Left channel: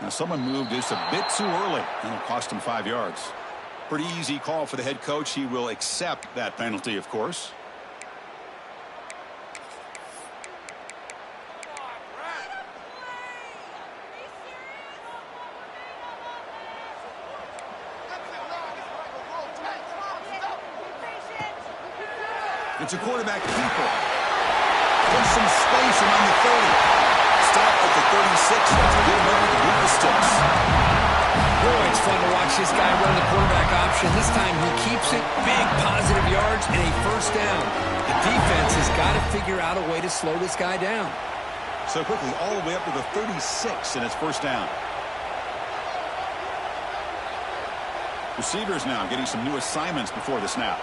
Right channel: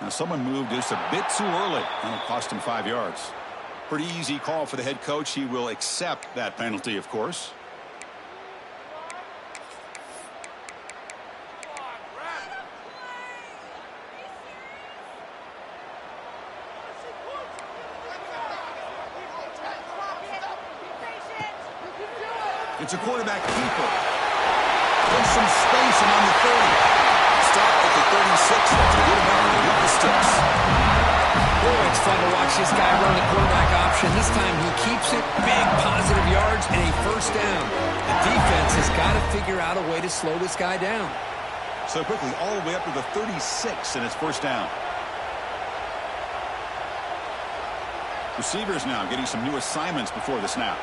Now someone moved just a bit too early. That'll cost him 5 yards. Pretty easy call for the head coach. He will accept that penalty, of course. It's a quarterback keeper. There's some space around the 30. Stop at the 36. That's good enough to beat the sticks. Boy, it's fun to watch this guy run the quarterback option. This time he keeps it. Big positive yards and a first down. The defense has got to figure out a way to slow this guy down. So quickly, all the way up to the 36, and it's first down. Receivers now getting some new assignments before the snap.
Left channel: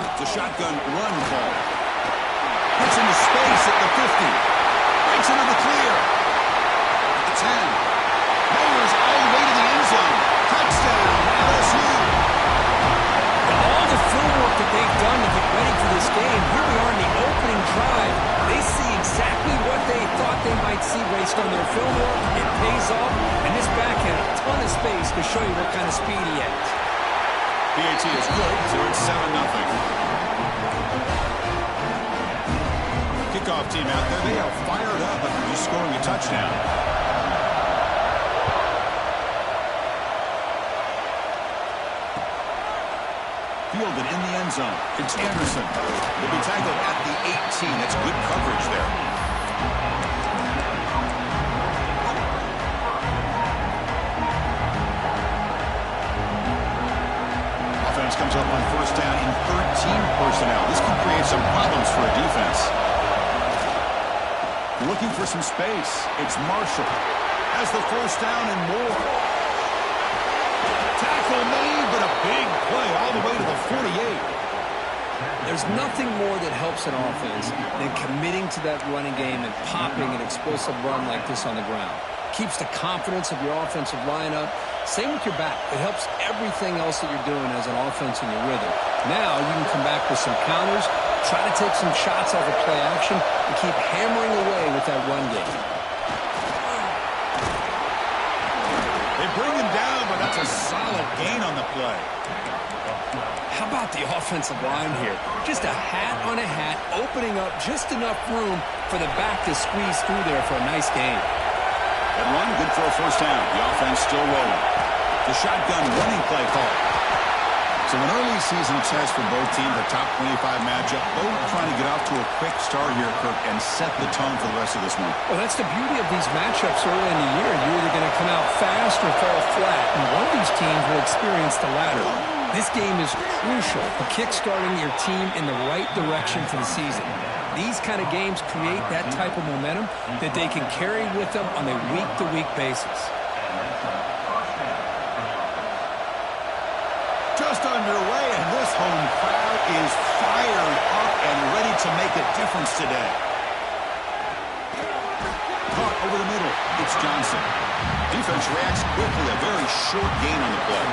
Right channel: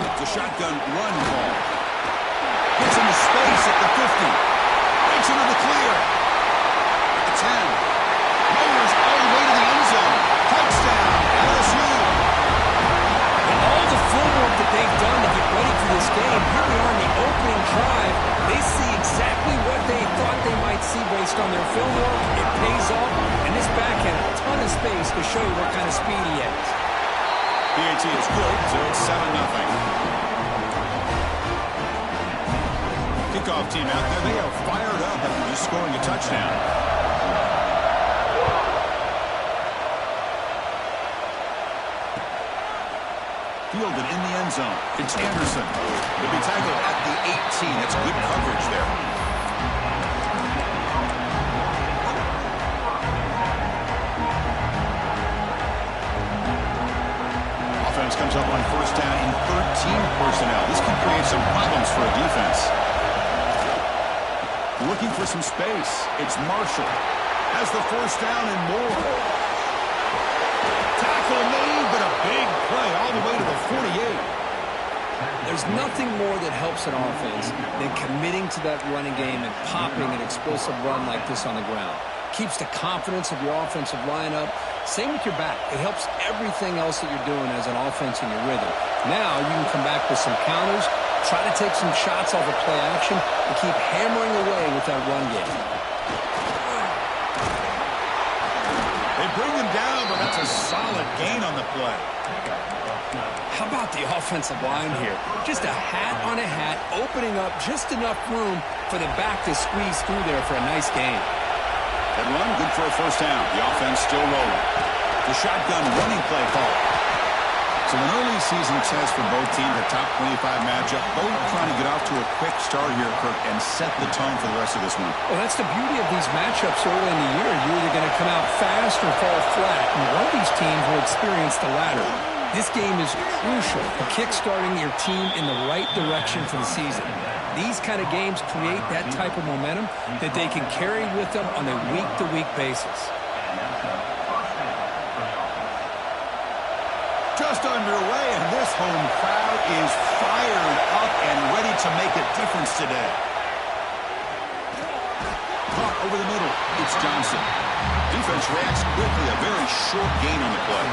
It's a shotgun run call. Gets into space at the 50. Breaks into the clear. At the 10. Mowers all the way to the end zone. Touchdown, LSU. All the film work that they've done to get ready for this game, here we are in the opening drive. They see exactly what they thought they might see based on their film work. It pays off, and this back had a ton of space to show you what kind of speed he has. PAT is good, so it's 7-0. Kickoff team out there, they are fired up after just scoring a touchdown. Fielded in the end zone. It's Anderson. He'll be tackled at the 18. That's good coverage there. Offense comes up on first down in 13 personnel. This can create some problems for a defense. Looking for some space. It's Marshall. Has the first down and more. Tackle made, but a big play all the way to the 48. There's nothing more that helps an offense than committing to that running game and popping an explosive run like this on the ground. Keeps the confidence of your offensive lineup. Same with your back. It helps everything else that you're doing as an offense in your rhythm. Now you can come back with some counters, try to take some shots off of play action, and keep hammering away with that run game. They bring him down, but that's a solid gain on the play. How about the offensive line here? Just a hat on a hat, opening up just enough room for the back to squeeze through there for a nice gain. That run, good for a first down. The offense still rolling. The shotgun running play call. So an early season test for both teams, a top 25 matchup. Both trying to get off to a quick start here, Kirk, and set the tone for the rest of this one. Well, that's the beauty of these matchups early in the year. You're either going to come out fast or fall flat, and one of these teams will experience the latter. This game is crucial for kickstarting your team in the right direction for the season. These kind of games create that type of momentum that they can carry with them on a week-to-week basis. Just underway, and this home crowd is fired up and ready to make a difference today. Caught over the middle. It's Johnson. Defense reacts quickly. A very short gain on the play.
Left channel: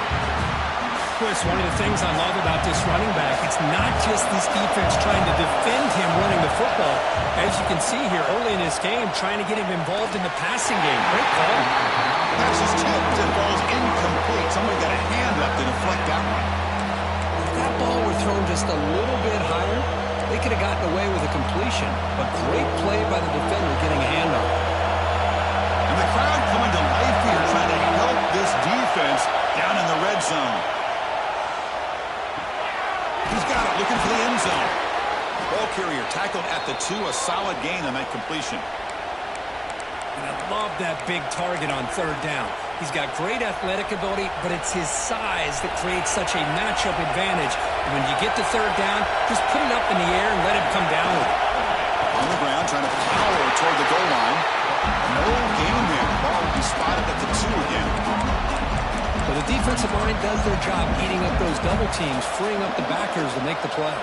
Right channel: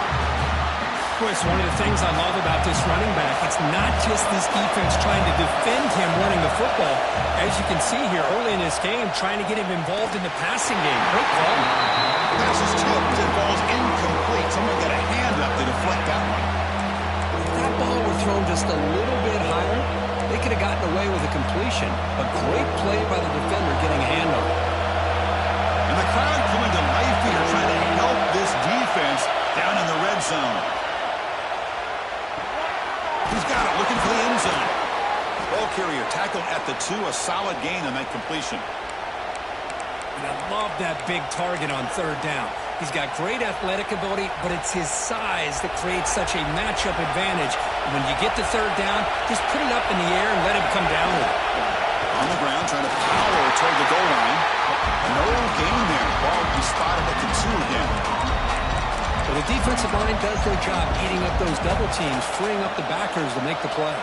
Boy, it's one of the things I love about this running back. It's not just this defense trying to defend him running the football. As you can see here early in this game, trying to get him involved in the passing game. Great call. Pass is tipped and ball's incomplete. Someone got a hand up to deflect that one. If that ball were thrown just a little bit higher, they could have gotten away with a completion. But great play by the defender getting a hand on it. And the crowd coming to life here, trying to help this defense down in the red zone. He's got it, looking for the end zone. Ball carrier tackled at the 2, a solid gain on that completion. And I love that big target on third down. He's got great athletic ability, but it's his size that creates such a matchup advantage. And when you get to third down, just put it up in the air and let him come down with it. On the ground, trying to power toward the goal line. No gain there. Ball will be spotted at the 2 again. So the defensive line does their job eating up those double teams, freeing up the backers to make the play.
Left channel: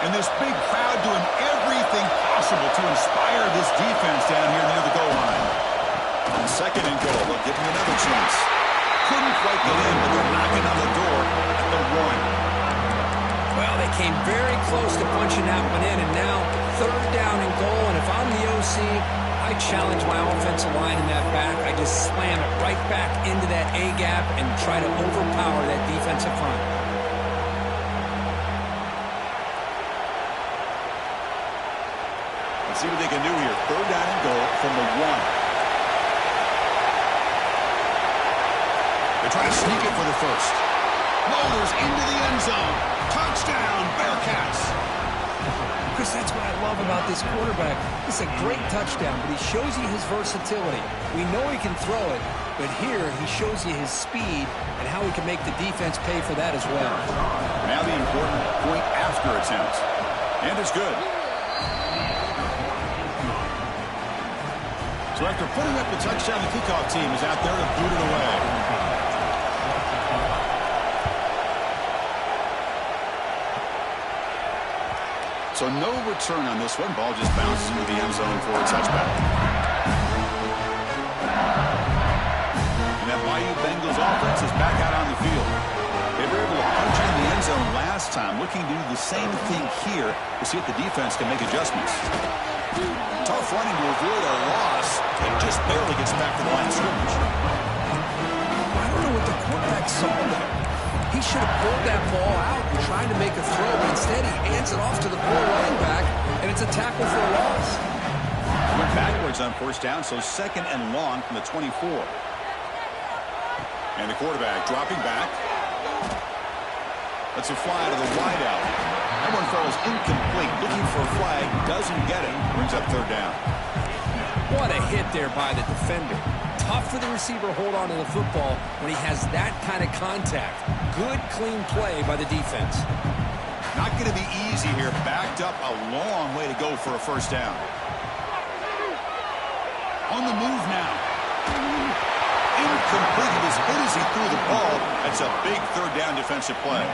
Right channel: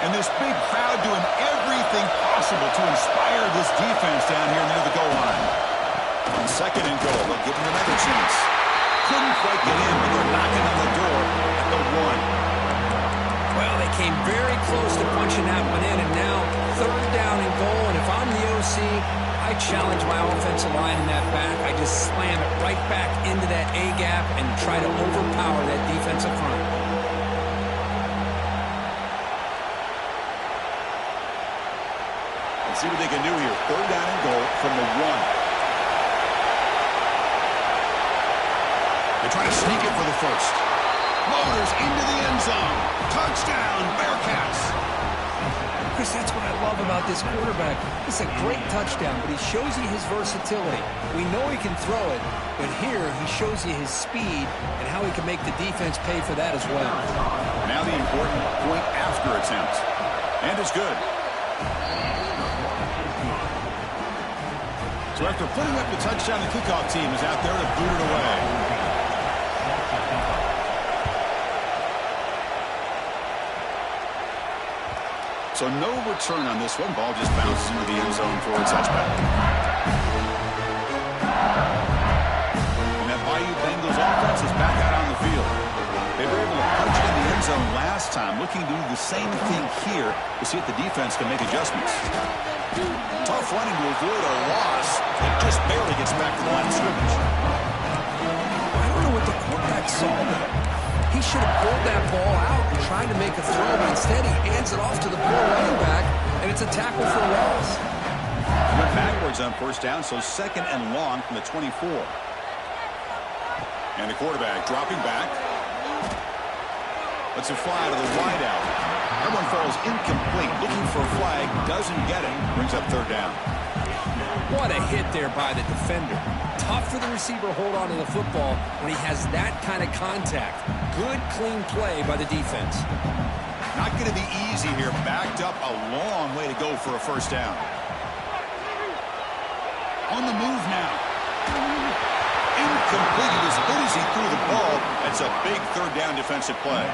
And this big crowd doing everything possible to inspire this defense down here near the goal line. On second and goal, they'll give him another chance. Couldn't quite get in, but they're knocking on the door at the 1. Well, they came very close to punching that one in, and now third down and goal. And if I'm the OC, see, I challenge my offensive line in that back. I just slam it right back into that A-gap and try to overpower that defensive front. Let's see what they can do here. 3rd down and goal from the 1. They try to sneak it for the first. Loaders into the end zone. Touchdown, Bearcats. Chris, that's what I love about this quarterback. It's a great touchdown, but he shows you his versatility. We know he can throw it, but here he shows you his speed and how he can make the defense pay for that as well. Now the important point after attempt. And it's good. So after putting up the touchdown, the kickoff team is out there to boot it away. So no return on this one. Ball just bounces into the end zone for a touchback. And that Bayou Bengals offense is back out on the field. They were able to punch it in the end zone last time, looking to do the same thing here to see if the defense can make adjustments. Tough running to avoid a loss. It just barely gets back to the line of scrimmage. I don't know what the quarterback saw there. He should have pulled that ball out and tried to make a throw, but instead he hands it off to the poor running back, and it's a tackle for a loss. He went backwards on 1st down, so 2nd and long from the 24. And the quarterback dropping back. Lets it fly to the wideout. That one falls incomplete. Looking for a flag, doesn't get it. Brings up 3rd down. What a hit there by the defender. Tough for the receiver to hold on to the football when he has that kind of contact. Good, clean play by the defense. Not going to be easy here. Backed up a long way to go for a 1st down. On the move now. Incomplete. He was hit as he threw the ball. That's a big 3rd down defensive play.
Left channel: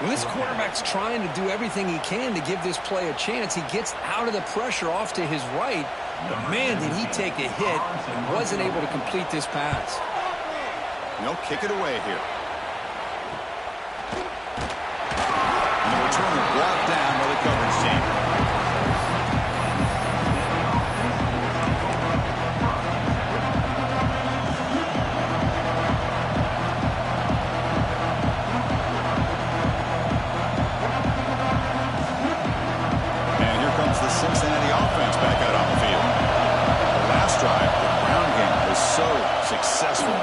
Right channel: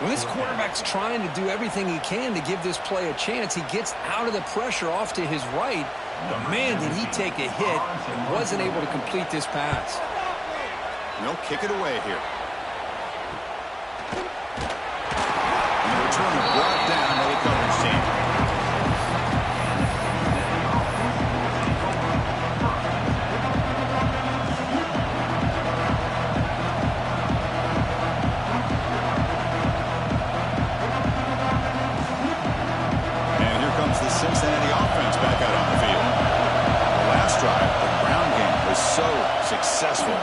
Well, this quarterback's trying to do everything he can to give this play a chance. He gets out of the pressure off to his right. But, man, did he take a hit and wasn't able to complete this pass. No, kick it away here. And the returner brought down by the coverage team. The Cincinnati offense back out on the field. The last drive, the ground game was so successful.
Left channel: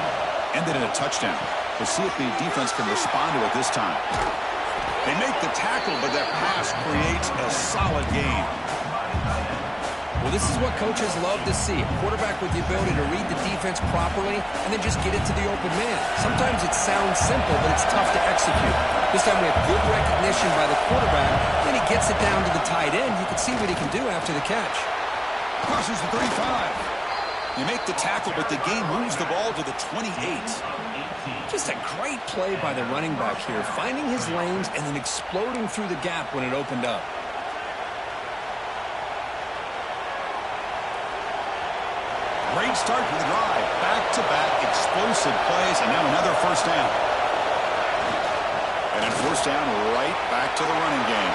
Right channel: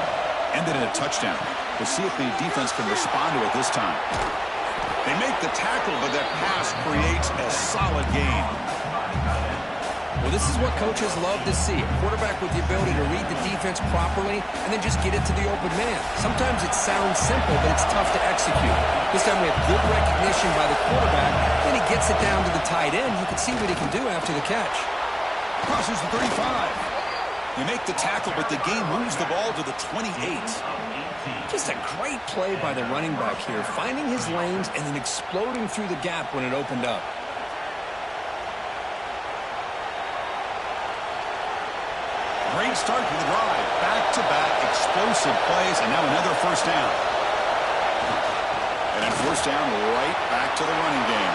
Ended in a touchdown. We'll see if the defense can respond to it this time. They make the tackle, but that pass creates a solid gain. Well, this is what coaches love to see. A quarterback with the ability to read the defense properly and then just get it to the open man. Sometimes it sounds simple, but it's tough to execute. This time we have good recognition by the quarterback. Then he gets it down to the tight end. You can see what he can do after the catch. Crosses the 35. They make the tackle, but the game moves the ball to the 28. Just a great play by the running back here, finding his lanes and then exploding through the gap when it opened up. Great start to the drive. Back-to-back explosive plays, and now another 1st down. And then 1st down right back to the running game.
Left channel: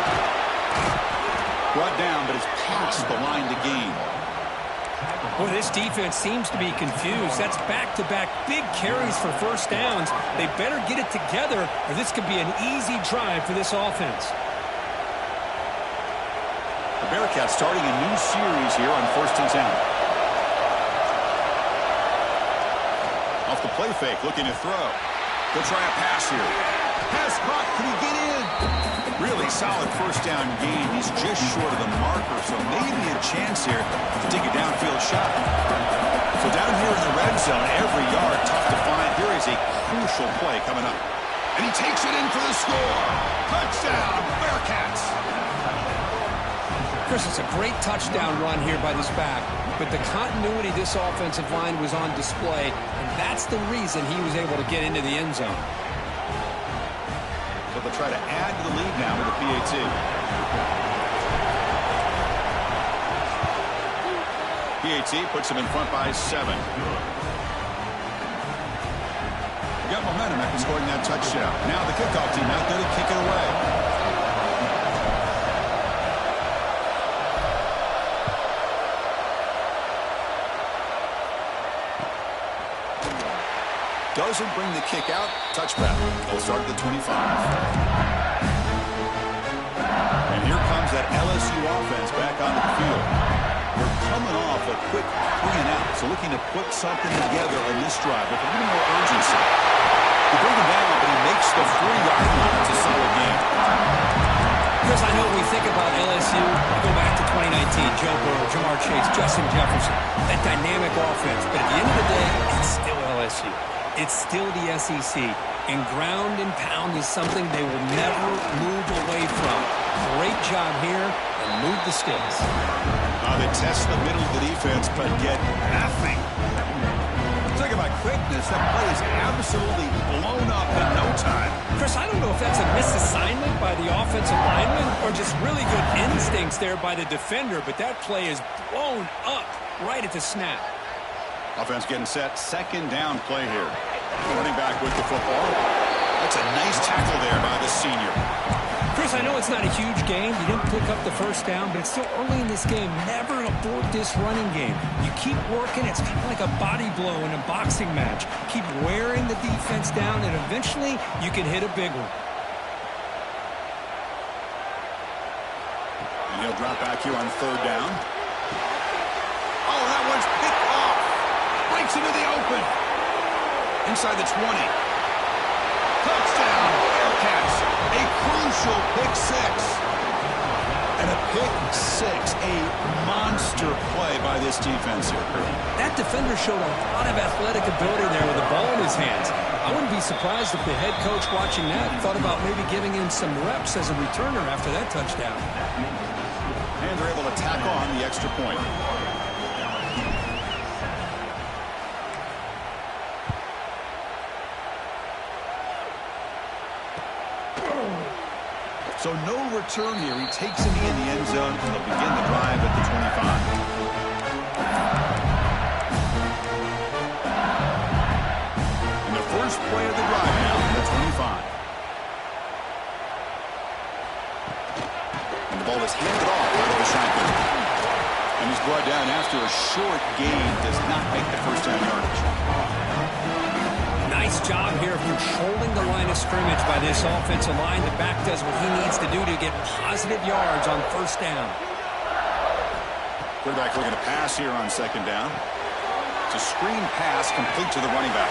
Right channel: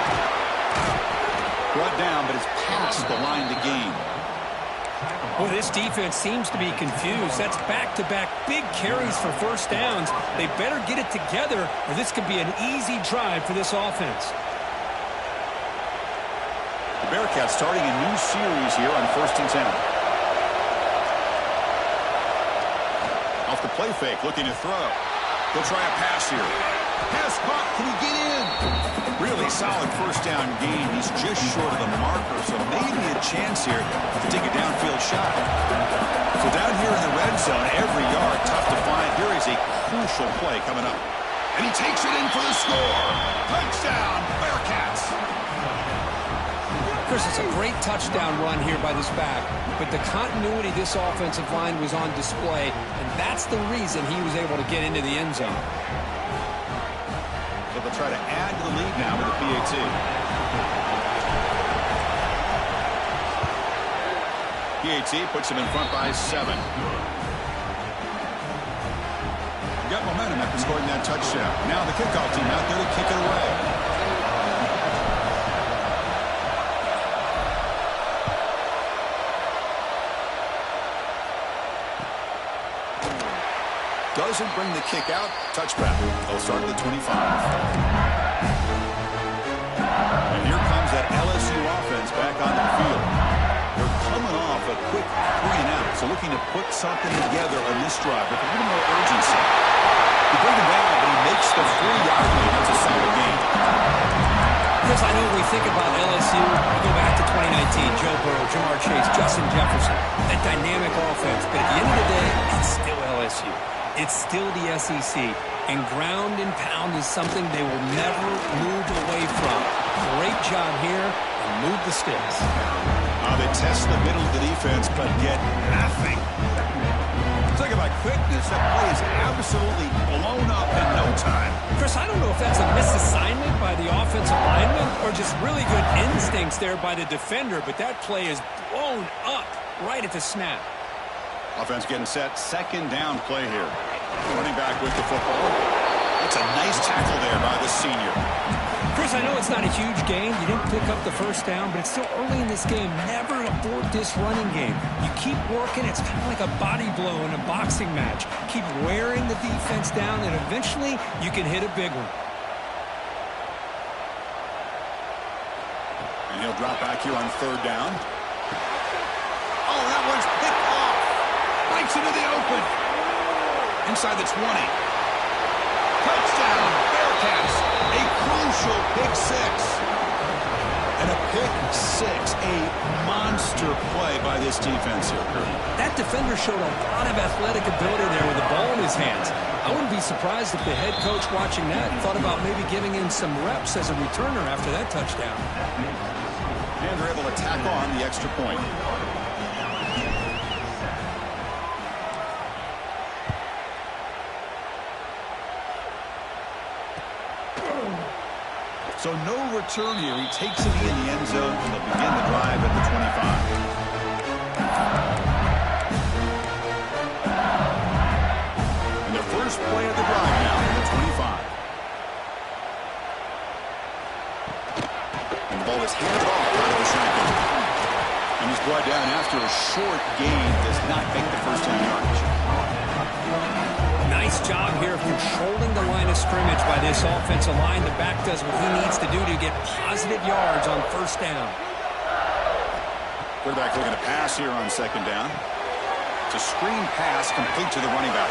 Brought down, but it's past the line to gain. Boy, this defense seems to be confused. That's back-to-back big carries for 1st downs. They better get it together, or this could be an easy drive for this offense. The Bearcats starting a new series here on 1st and 10. Off the play fake, looking to throw. They'll try a pass here. Pass caught. Can he get in? Really solid 1st down gain. He's just short of the marker, so maybe a chance here to take a downfield shot. So down here in the red zone, every yard tough to find. Here is a crucial play coming up. And he takes it in for the score. Touchdown, Bearcats. Chris, it's a great touchdown run here by this back, but the continuity of this offensive line was on display, and that's the reason he was able to get into the end zone. So they'll try to add to the lead now with the PAT. PAT puts them in front by 7. Got momentum after scoring that touchdown. Now the kickoff team out there to kick it away. Doesn't bring the kick out. Touchback. They'll start at the 25. And here comes that LSU offense back onto the field. They're coming off a quick 3-and-out, so looking to put something together on this drive with a little more urgency. They bring him down, but he makes the 4-yard line. That's a solid gain. Chris, I know when we think about LSU, we go back to 2019, Joe Burrow, Jamar Chase, Justin Jefferson, that dynamic offense. But at the end of the day, it's still LSU. It's still the SEC. And ground and pound is something they will never move away from. Great job here, and move the sticks. They test the middle of the defense, but get nothing. Talk about quickness. That play is absolutely blown up in no time. Chris, I don't know if that's a misassignment by the offensive lineman or just really good instincts there by the defender, but that play is blown up right at the snap. Offense getting set. Second down play here. Running back with the football. That's a nice tackle there by the senior. Chris, I know it's not a huge gain. You didn't pick up the first down, but it's still early in this game. Never abort this running game. You keep working. It's kind of like a body blow in a boxing match. Keep wearing the defense down, and eventually you can hit a big one. And he'll drop back here on third down. Oh, that one's picked off. Breaks into the open. Inside the 20. Touchdown, Bearcats. A crucial pick six. And a pick six. A monster play by this defense here. That defender showed a lot of athletic ability there with the ball in his hands. I wouldn't be surprised if the head coach watching that thought about maybe giving him some reps as a returner after that touchdown. And they're able to tack on the extra point. So no return here. He takes it in the end zone, and they'll begin the drive at the 25. And the first play of the drive now from the 25. And the ball is handed off out of the shotgun. And he's brought down after a short gain. Does not make the first down yardage. Nice job here of controlling the line of scrimmage by this offensive line. The back does what he needs to do to get positive yards on first down. Quarterback looking to pass here on second down. It's a screen pass complete to the running back.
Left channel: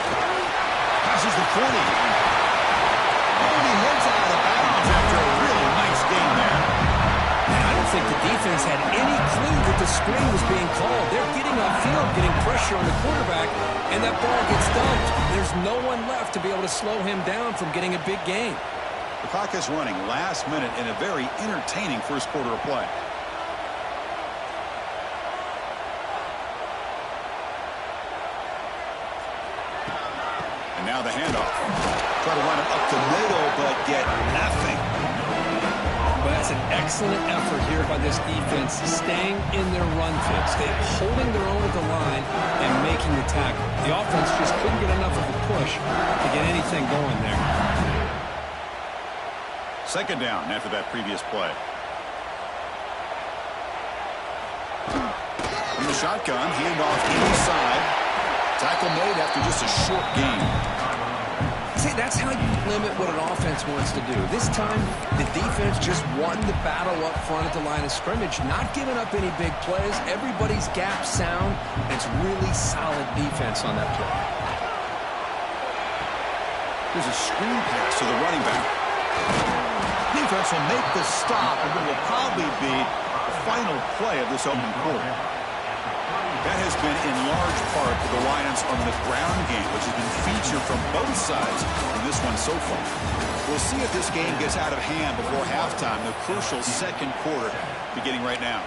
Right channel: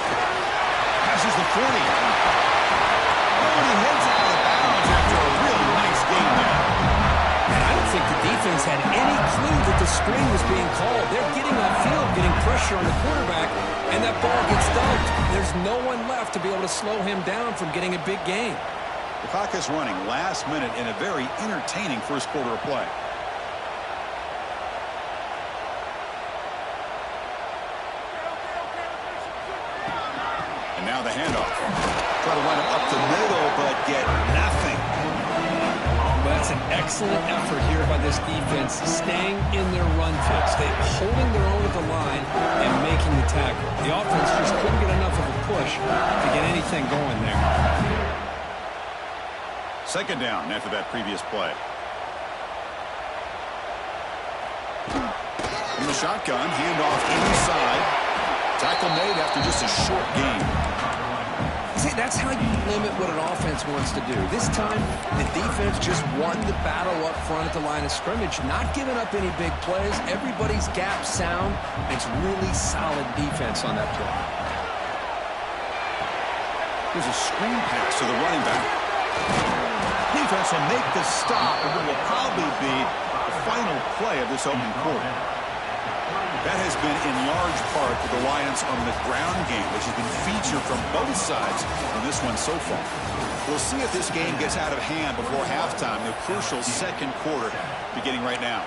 Passes the 40. Oh, and he heads out of bounds after a really nice gain there. And I don't think the defense had any clue that the screen was being called. They're getting upfield, getting pressure on the quarterback, and that ball gets dumped. There's no one left to be able to slow him down from getting a big gain. The clock is running last minute in a very entertaining first quarter of play. And now the handoff. Try to run it up the middle, but get nothing. But that's an excellent effort here by this defense, staying in their run fits. They're holding their own at the line and making the tackle. The offense just couldn't get enough of a push to get anything going there. Second down after that previous play. From the shotgun, handoff inside. Tackle made after just a short gain. See, that's how you limit what an offense wants to do. This time, the defense just won the battle up front at the line of scrimmage, not giving up any big plays. Everybody's gap sound. It's really solid defense on that play. There's a screen pass to the running back. Defense will make the stop, and it will probably be the final play of this opening quarter. That has been in large part the reliance on the ground game, which has been featured from both sides in this one so far. We'll see if this game gets out of hand before halftime, the crucial second quarter beginning right now.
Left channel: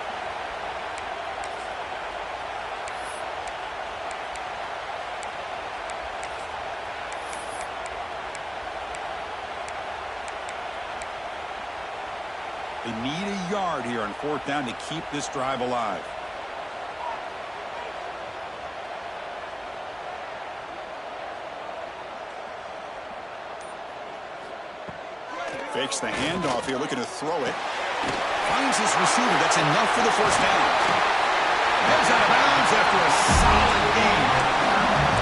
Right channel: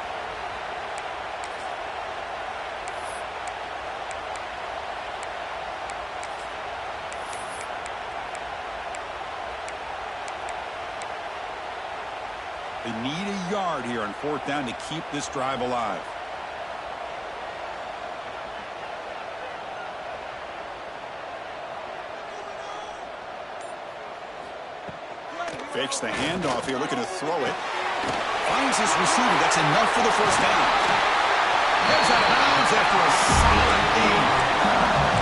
They need a yard here on fourth down to keep this drive alive. Fakes the handoff here, looking to throw it. Finds his receiver. That's enough for the first down. Heads out of bounds after a solid gain.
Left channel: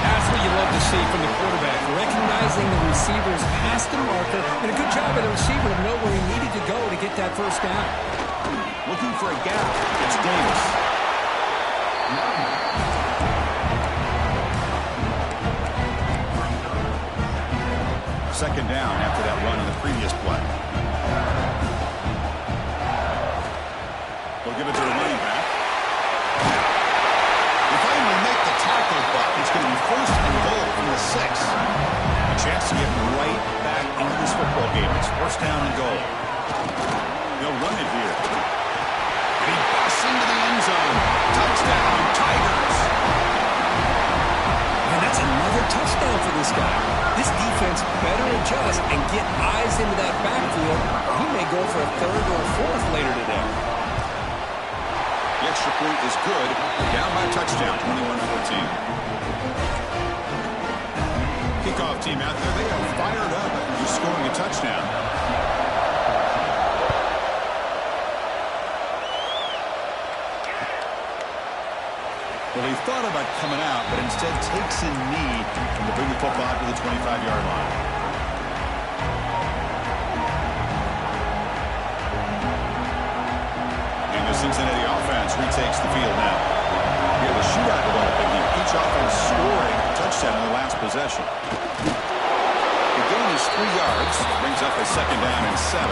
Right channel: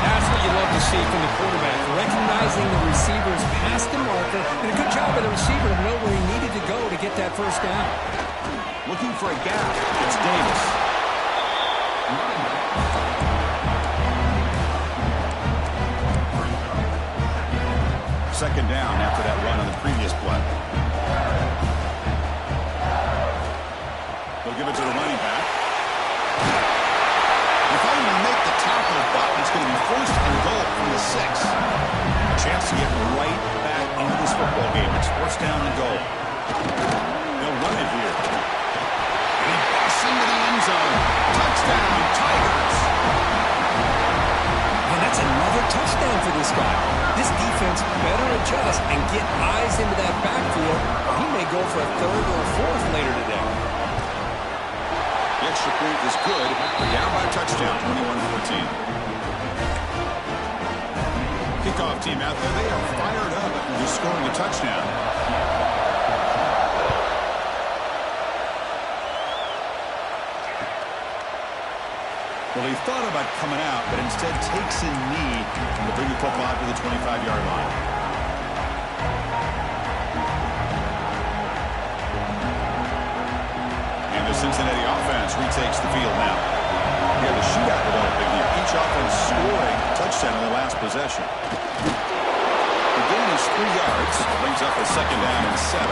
That's what what you love to see from the quarterback, recognizing the receiver's past the marker, and a good job by the receiver to know where he needed to go to get that first down. Looking for a gap. It's Davis. Second down after that run on the previous play. They'll give it to the running back. They finally make the tackle, but it's going to be first and goal from the 6. A chance to get right back into this football game. It's first down and goal. They'll run it here. And he busts into the end zone. Touchdown, Tigers. And that's another touchdown for this guy. This defense better adjust and get eyes into that backfield, or he may go for a third or a fourth later today. The extra point is good. We're down by a touchdown, 21-14. Kickoff team out there, they are fired up after just scoring a touchdown. Well, he thought about coming out, but instead takes a knee to bring the football to the 25-yard line. And the Cincinnati offense retakes the field now. We have a shootout developing here. Each offense scoring a touchdown in their last possession. The gain is 3 yards. Brings up a second down and 7.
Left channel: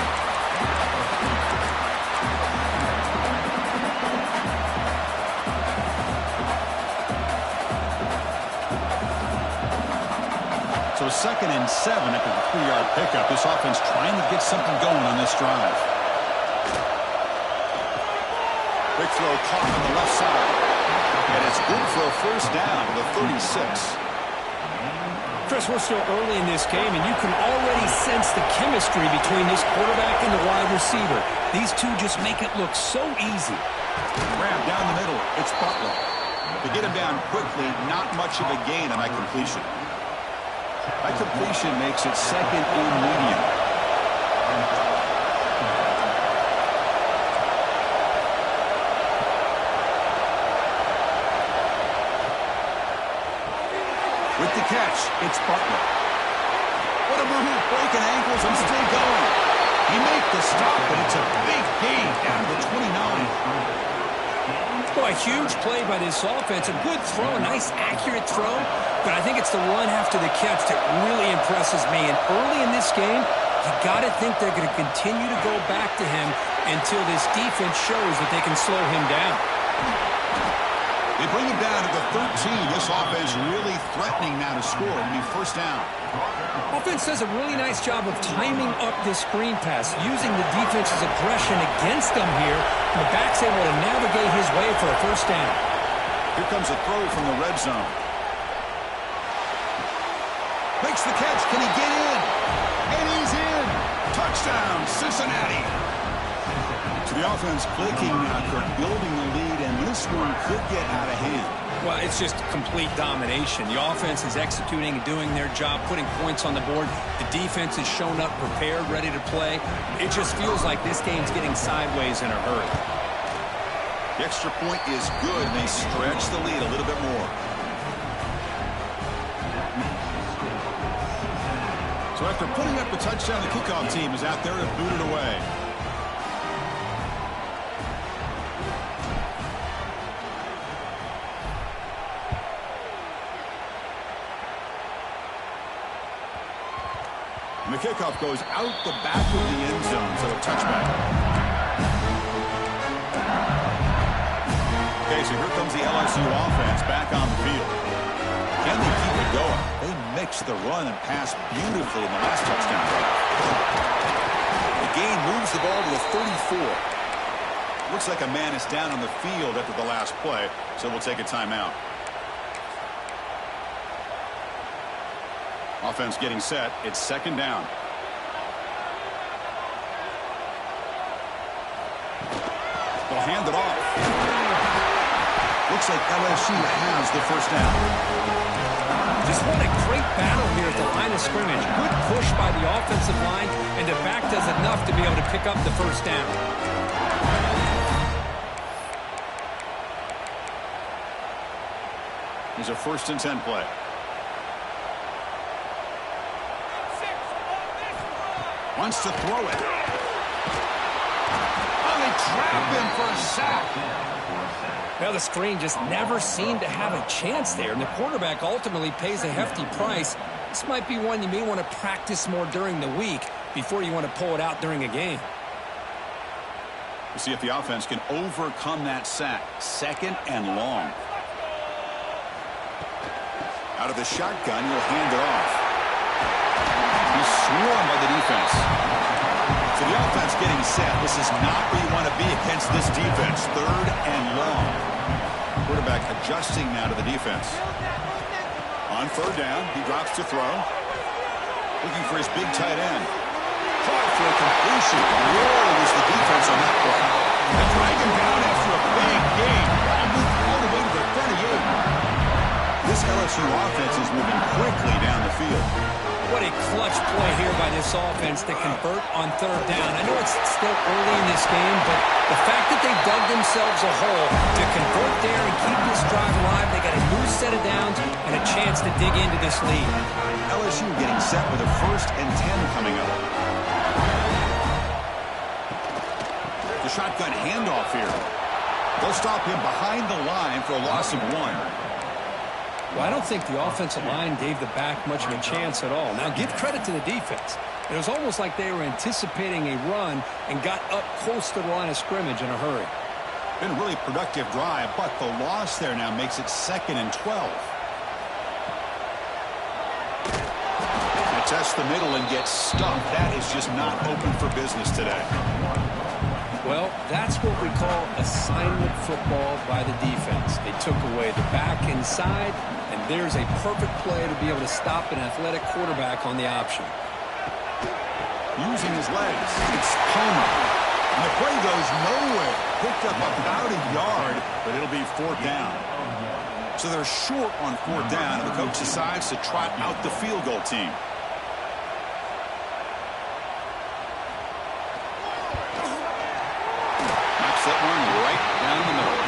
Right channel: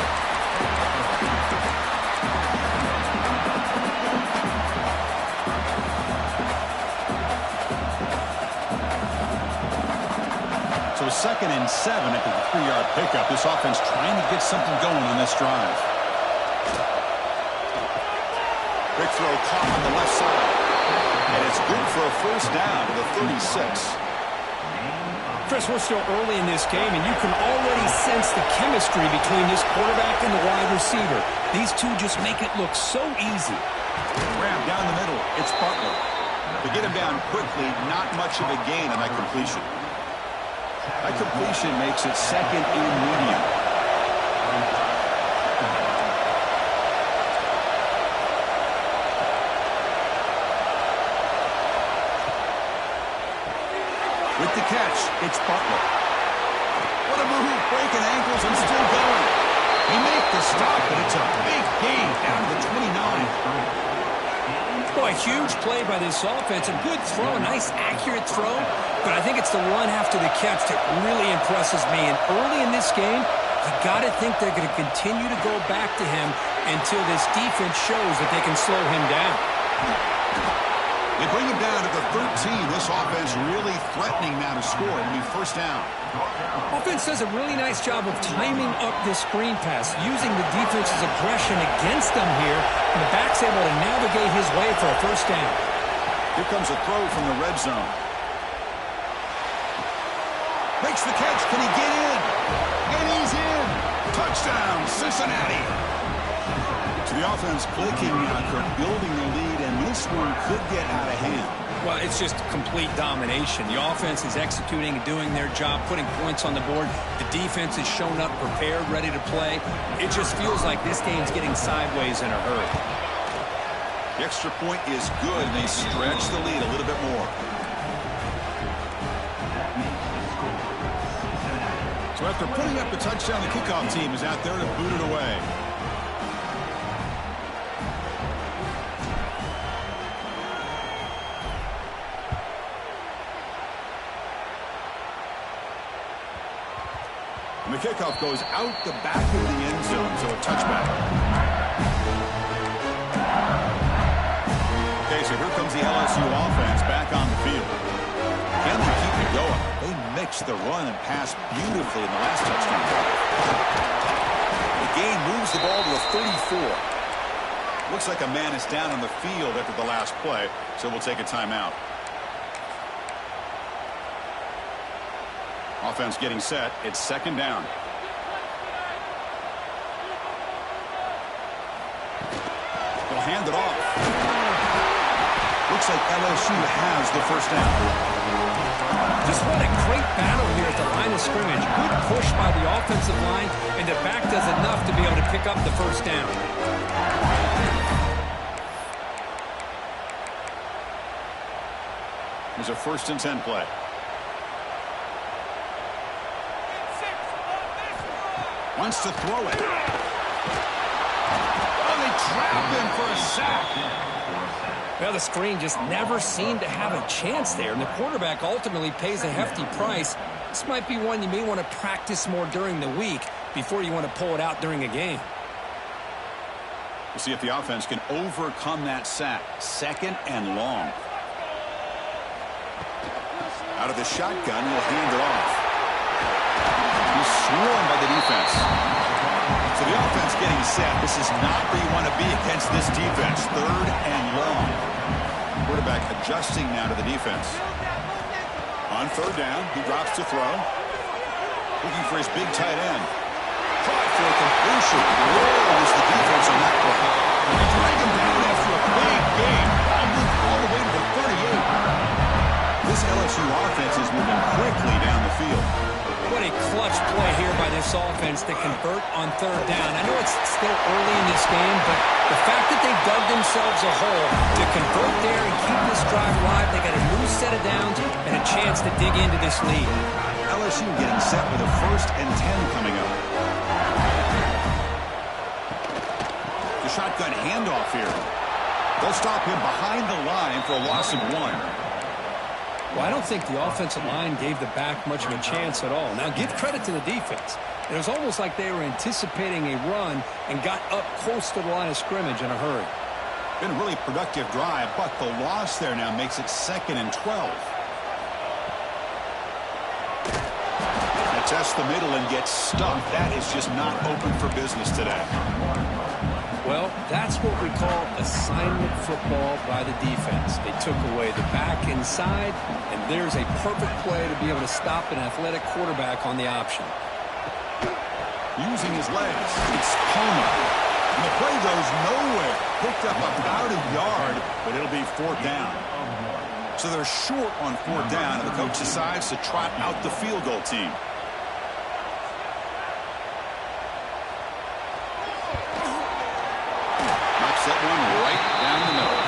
So second and 7 after the 3-yard pickup. This offense trying to get something going on this drive. Quick throw caught on the left side. And it's good for a first down to the 36. Chris, we're still early in this game, and you can already sense the chemistry between this quarterback and the wide receiver. These two just make it look so easy. Grab down the middle. It's Butler. To get him down quickly, not much of a gain on that completion. That completion makes it second and medium. With the catch, it's Butler. What a move, breaking ankles and still going. He makes the stop, but it's a big gain down to the 29. Boy, a huge play by this offense. A good throw, a nice accurate throw. But I think it's the run after the catch that really impresses me. And early in this game, you got to think they're going to continue to go back to him until this defense shows that they can slow him down. They bring him down to the 13. This offense really threatening now to score. It'll be first down. Offense does a really nice job of timing up this screen pass, using the defense's aggression against them here. And the back's able to navigate his way for a first down. Here comes a throw from the red zone. Makes the catch. Can he get in? And he's in. Touchdown, Cincinnati. So the offense clicking now, Kirk, building the lead, and this one could get out of hand. Well, it's just complete domination. The offense is executing and doing their job, putting points on the board. The defense has shown up, prepared, ready to play. It just feels like this game's getting sideways in a hurry. The extra point is good, and they stretch the lead a little bit more. So after putting up the touchdown, the kickoff team is out there to boot it away. And the kickoff goes out the back of the end zone, so a touchback. Okay, so here comes the LSU offense back on the field. Can they keep it going? They mixed the run and pass beautifully in the last touchdown drive. The gain moves the ball to the 34. Looks like a man is down on the field after the last play, so we'll take a timeout. Offense getting set. It's second down. They'll hand it off. Looks like LSU has the first down. Just what a great battle here at the line of scrimmage. Good push by the offensive line, and the back does enough to be able to pick up the first down. Here's a 1st and 10 play. Wants to throw it. Oh, they trap him for a sack. Well, the screen just never seemed to have a chance there, and the quarterback ultimately pays a hefty price. This might be one you may want to practice more during the week before you want to pull it out during a game. We'll see if the offense can overcome that sack. 2nd and long. Out of the shotgun, he'll hand it off. He's swarmed by the defense. So the offense getting set. This is not where you want to be against this defense. 3rd and long. Quarterback adjusting now to the defense. On 3rd down, he drops to throw. Looking for his big tight end. Caught for a completion. Where was the defense on that play? They drag him down after a big gain. Ball moved all the way to the 38. This LSU offense is moving quickly down the field. What a clutch play here by this offense to convert on 3rd down. I know it's still early in this game, but the fact that they dug themselves a hole to convert there and keep this drive alive, they got a new set of downs and a chance to dig into this lead. LSU getting set with a 1st and 10 coming up. The shotgun handoff here. They'll stop him behind the line for a loss of 1. Well, I don't think the offensive line gave the back much of a chance at all. Now, give credit to the defense. It was almost like they were anticipating a run and got up close to the line of scrimmage in a hurry. Been a really productive drive, but the loss there now makes it 2nd and 12. They test the middle and get stuffed. That is just not open for business today. Well, that's what we call assignment football by the defense. They took away the back inside, and there's a perfect play to be able to stop an athletic quarterback on the option. Using his legs, it's Palmer. And the play goes nowhere. Picked up about a yard, but it'll be 4th down. So they're short on 4th down, and the coach decides to trot out the field goal team. That one right down the middle.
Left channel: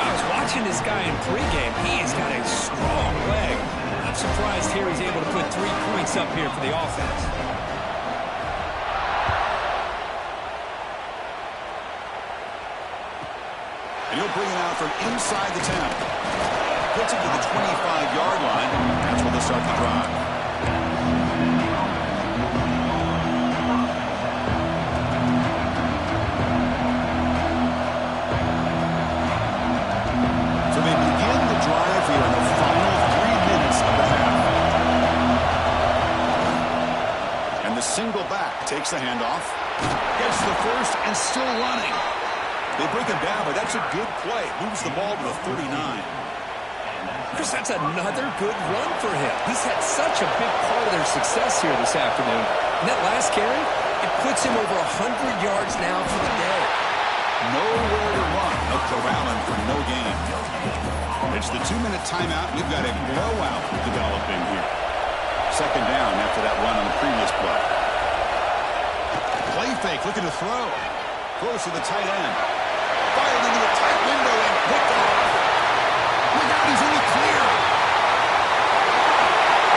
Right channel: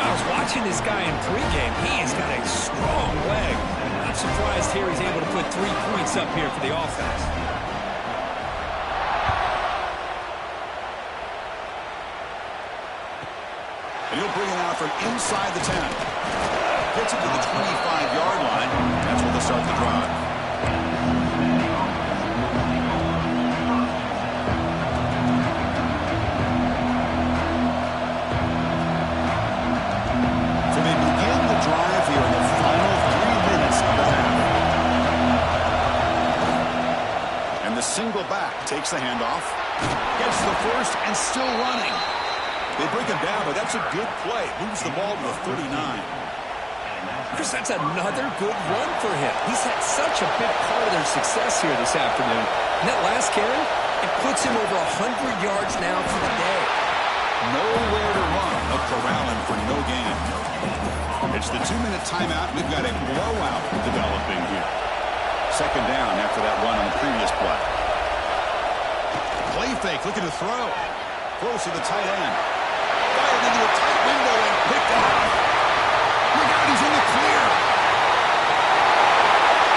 I was watching this guy in pregame. He has got a strong leg. Not surprised here he's able to put 3 points up here for the offense. And he'll bring it out from inside the 10. Gets it to the 25-yard line. That's where they'll start the drive. Drive here in the final 3 minutes of the half. And the single back takes the handoff. Gets the first and still running. They break him down, but that's a good play. Moves the ball to the 39. Chris, that's another good run for him. He's had such a big part of their success here this afternoon. And that last carry, it puts him over 100 yards now for the day. Nowhere to run. They'll corral him for no gain. It's the 2-minute timeout. We've got a blowout developing here. 2nd down after that run on the previous play. Play fake, looking to throw. Throws to the tight end. Fired into a tight window and picked off. Look out, he's in the clear.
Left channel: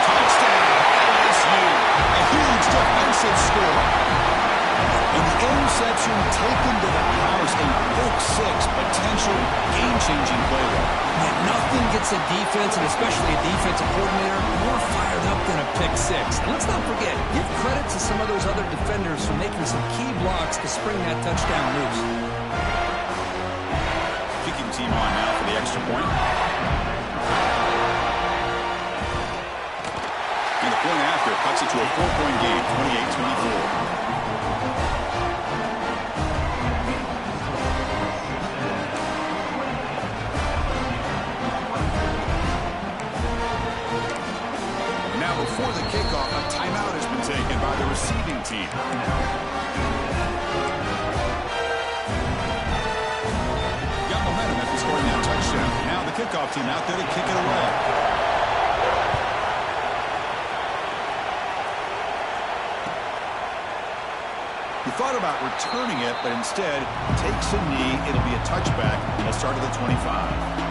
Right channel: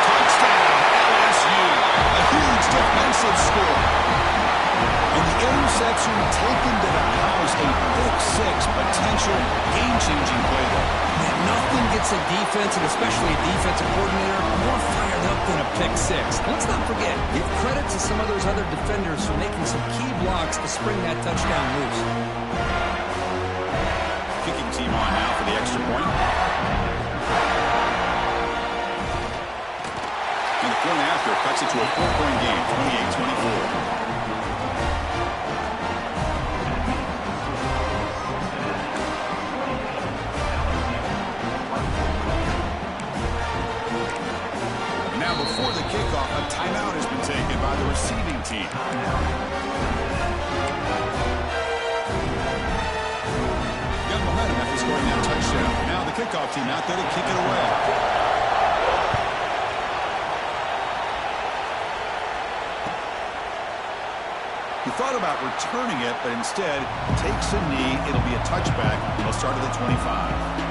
Touchdown, LSU. A huge defensive score. And the interception taken to the house, a pick 6 potential game-changing play there. Man, nothing gets a defense, and especially a defensive coordinator, more fired up than a pick 6. And let's not forget, give credit to some of those other defenders for making some key blocks to spring that touchdown loose. Kicking team on now for the extra point. And the point after cuts it to a 4-point game, 28-24. Before the kickoff, a timeout has been taken by the receiving team. Got momentum after scoring that touchdown. Now the kickoff team out there to kick it away. He thought about returning it, but instead takes a knee. It'll be a touchback. He'll start at the 25.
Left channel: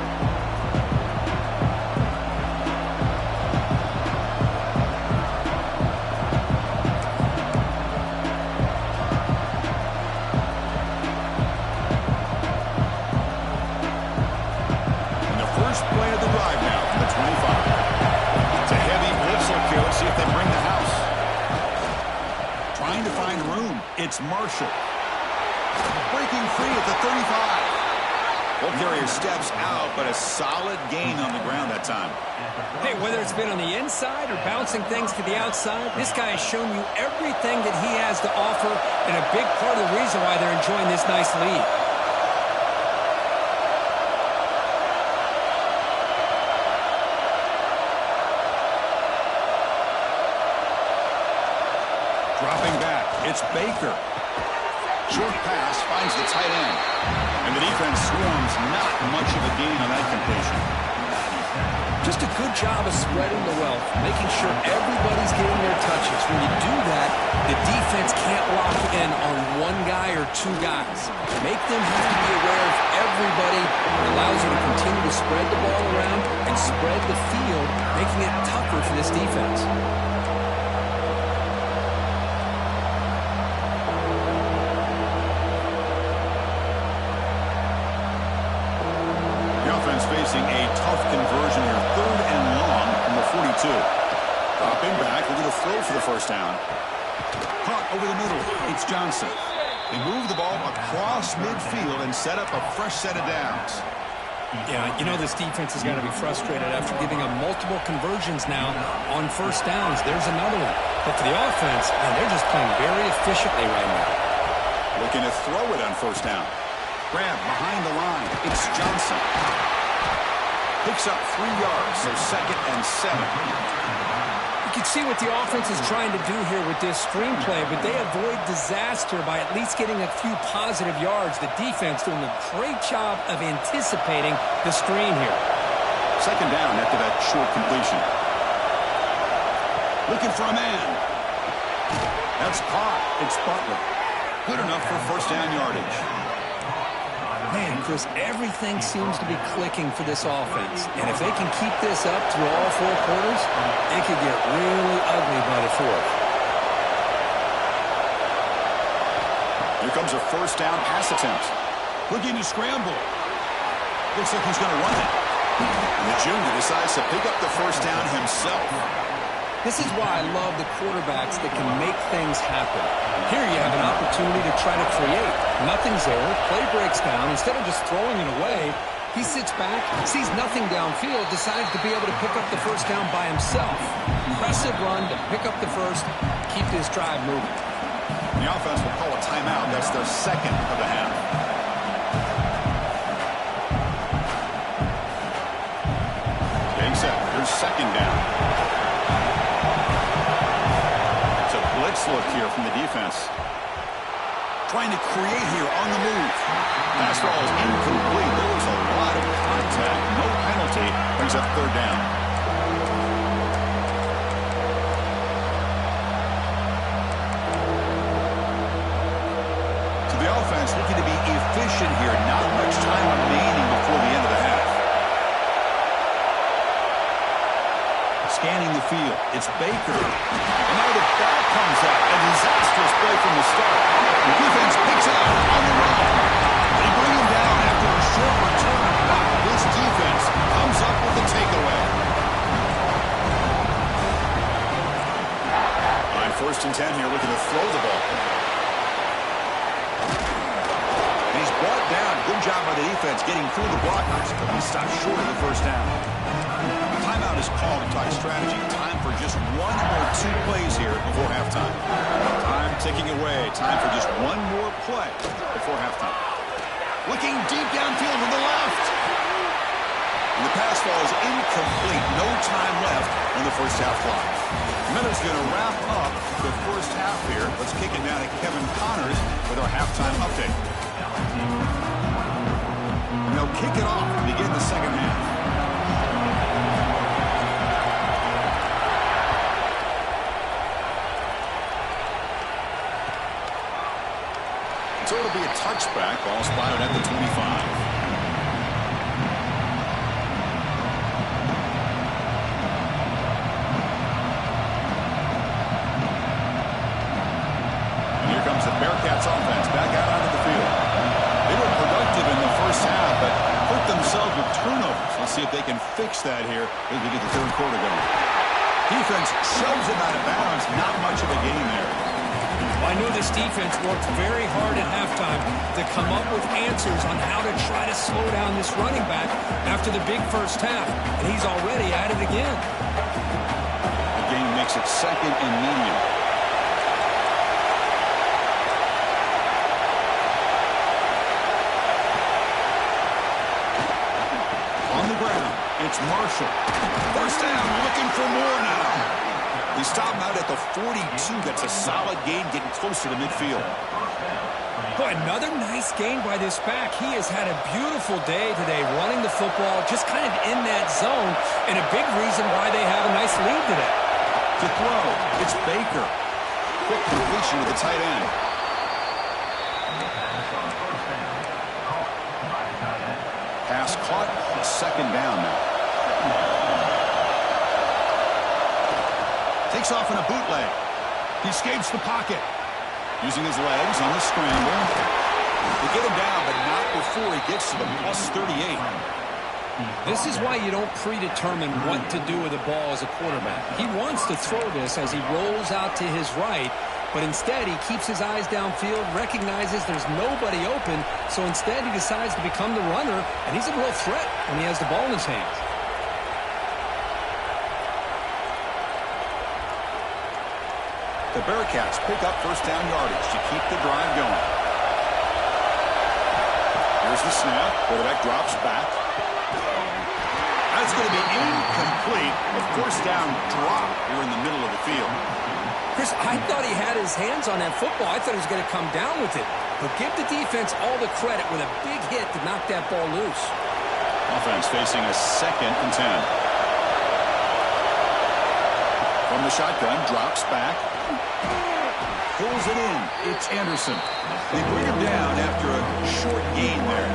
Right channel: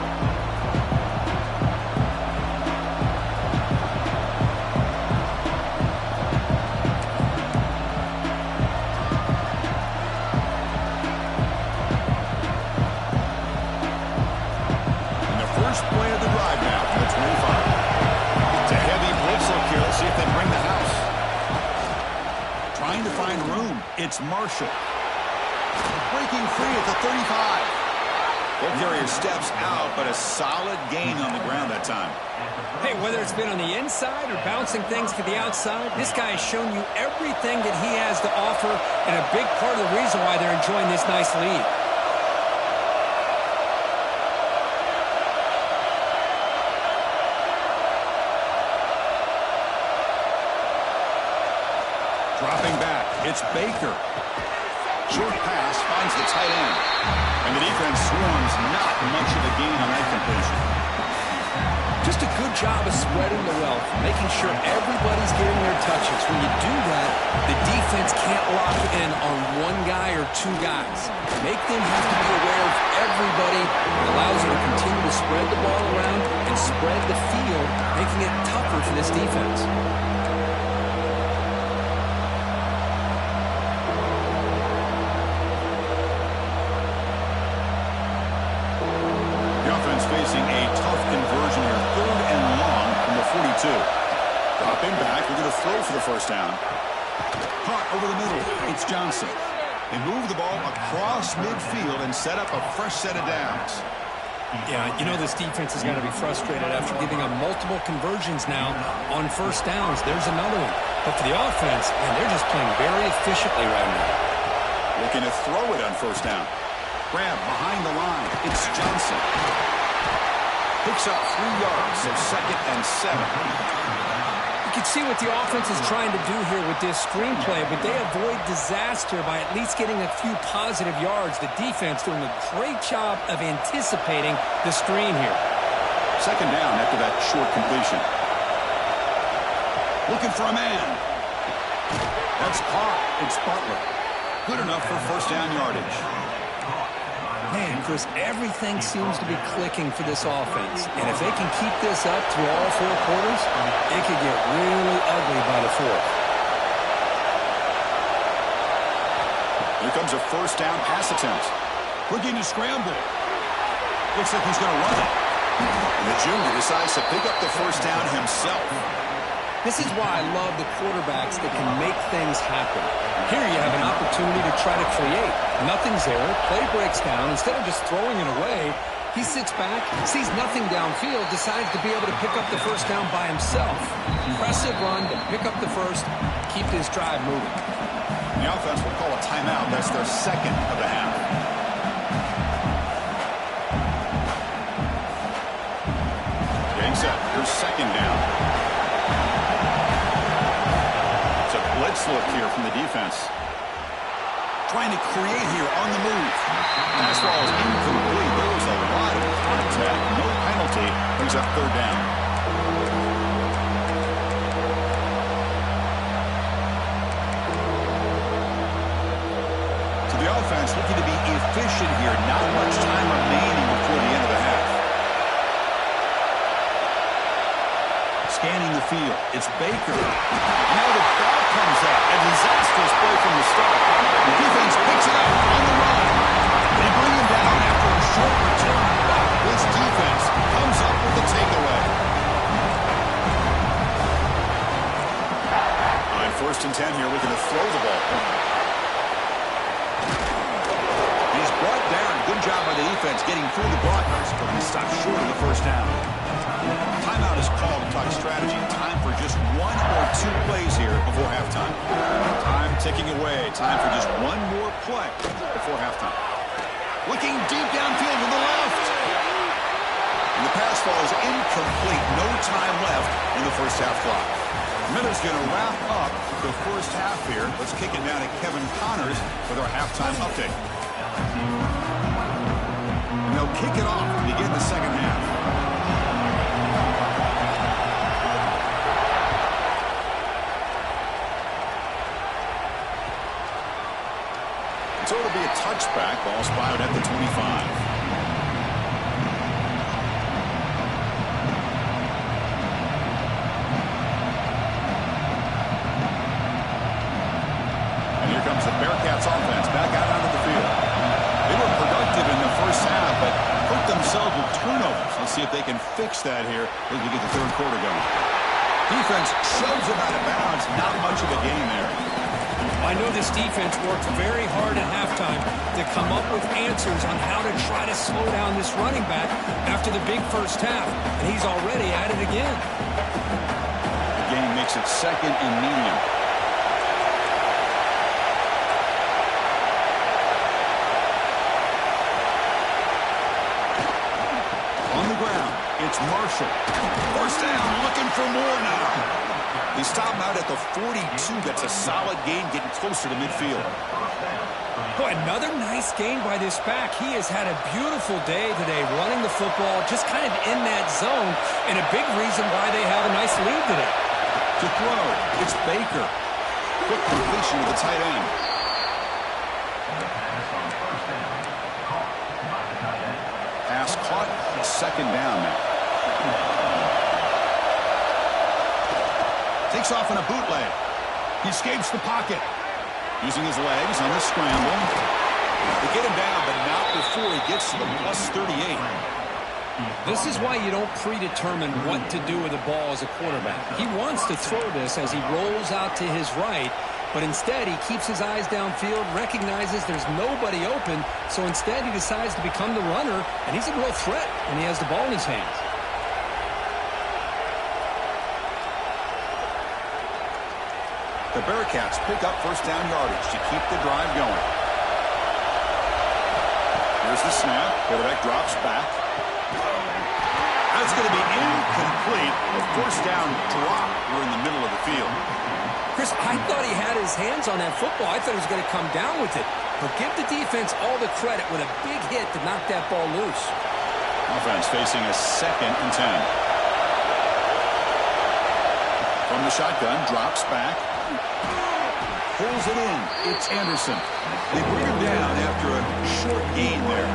first play of the drive now from the 25. It's a heavy blitz look here. Let's see if they bring the house. Trying to find room. It's Marshall. Breaking free at the 35. Ball carrier steps out, but a solid gain on the ground that time. Hey, whether it's been on the inside or bouncing things to the outside, this guy has shown you everything that he has to offer, and a big part of the reason why they're enjoying this nice lead. Dropping back, it's Baker. Short pass finds the tight end. And the defense swarms, not much of a gain on that completion. Just a good job of spreading the wealth, making sure everybody's getting their touches. When you do that, the defense can't lock in on one guy or two guys. Make them have to be aware of everybody. It allows you to continue to spread the ball around and spread the field, making it tougher for this defense. Facing a tough conversion here, 3rd and long from the 42. Dropping back, looking to throw for the first down. Caught over the middle, it's Johnson. They move the ball across midfield and set up a fresh set of downs. Yeah, you know this defense has got to be frustrated after giving up multiple conversions now on first downs. There's another one. But for the offense, man, they're just playing very efficiently right now. Looking to throw it on first down. Grab behind the line, it's Johnson. Picks up 3 yards, so 2nd and 7. You can see what the offense is trying to do here with this screenplay, but they avoid disaster by at least getting a few positive yards. The defense doing a great job of anticipating the screen here. 2nd down after that short completion. Looking for a man. That's caught. It's Butler. Good enough for first down yardage. Man, Chris, everything seems to be clicking for this offense. And if they can keep this up through all 4 quarters, it could get really ugly by the 4th. Here comes a first down pass attempt. Looking to scramble. Looks like he's going to run it. And the junior decides to pick up the first down himself. This is why I love the quarterbacks that can make things happen. Here you have an opportunity to try to create. Nothing's there. Play breaks down. Instead of just throwing it away, he sits back, sees nothing downfield, decides to be able to pick up the first down by himself. Impressive run to pick up the first, keep this drive moving. The offense will call a timeout. That's their 2nd of the half. Getting set. Here's 2nd down. Blitz look here from the defense. Trying to create here on the move. Pass ball is incomplete. There was a lot of contact. No penalty. Brings up 3rd down. So the offense looking to be efficient here. Not much time remaining before the end of the half. Scanning the field. It's Baker. And now the ball comes out. A disastrous play from the start. The defense picks it up on the run. They bring him down after a short return. But this defense comes up with the takeaway. On 1st and 10 here, looking to throw the ball. And he's brought down. Good job by the defense getting through the blockers, but he stopped short of the first down. Timeout is called to talk strategy. Time for just 1 or 2 plays here before halftime. Time ticking away. Time for just 1 more play before halftime. Looking deep downfield to the left. And the pass ball is incomplete. No time left in the first half clock. Miller's going to wrap up the first half here. Let's kick it down to Kevin Connors with our halftime update. And they'll kick it off and begin the second half. So it'll be a touchback. Ball spotted at the 25. And here comes the Bearcats offense back out onto the field. They were productive in the first half, but for themselves with turnovers. Let's see if they can fix that here as we get the third quarter going. Defense shoves him out of bounds. Not much of a gain there. I know this defense worked very hard at halftime to come up with answers on how to try to slow down this running back after the big first half, and he's already at it again. The game makes it second and medium. On the ground, it's Marshall. First down, looking for more now. They stop him out at the 42. That's a solid gain, getting closer to midfield. Boy, another nice gain by this back. He has had a beautiful day today running the football, just kind of in that zone, and a big reason why they have a nice lead today. To throw, it's Baker. Quick completion to the tight end. Pass caught, second down now. Takes off in a bootleg. He escapes the pocket. Using his legs on the scramble. They get him down, but not before he gets to the plus 38. This is why you don't predetermine what to do with the ball as a quarterback. He wants to throw this as he rolls out to his right, but instead he keeps his eyes downfield, recognizes there's nobody open, so instead he decides to become the runner, and he's a real threat when he has the ball in his hands. The Bearcats pick up first down yardage to keep the drive going. Here's the snap. Quarterback drops back. That's going to be incomplete. A first down drop here in the middle of the field. Chris, I thought he had his hands on that football. I thought he was going to come down with it. But give the defense all the credit with a big hit to knock that ball loose. Offense facing a 2nd and 10. From the shotgun, drops back. Pulls it in. It's Anderson. They bring him down after a short gain there.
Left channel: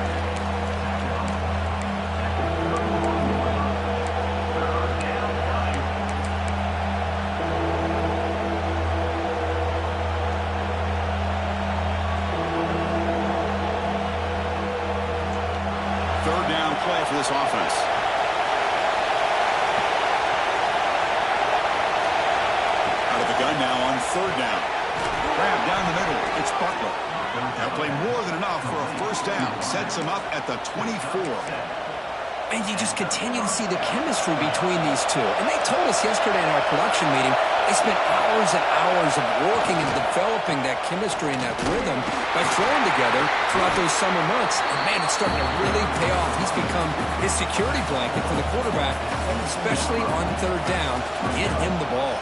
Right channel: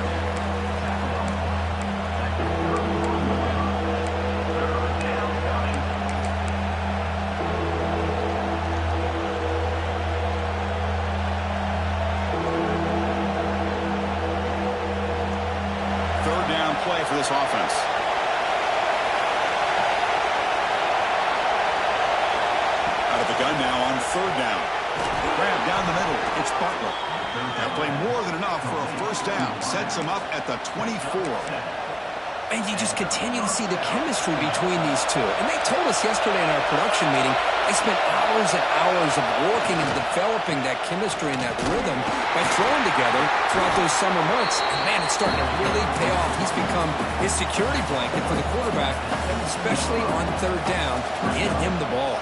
Third down play for this offense. Out of the gun now on third down. Grab down the middle. It's Butler. They'll play more than enough for a first down. Sets him up at the 24. And you just continue to see the chemistry between these two. And they told us yesterday in our production meeting, they spent hours and hours of working and developing that chemistry and that rhythm by throwing together throughout those summer months. And, man, it's starting to really pay off. He's become his security blanket for the quarterback, especially on third down. Get him the ball.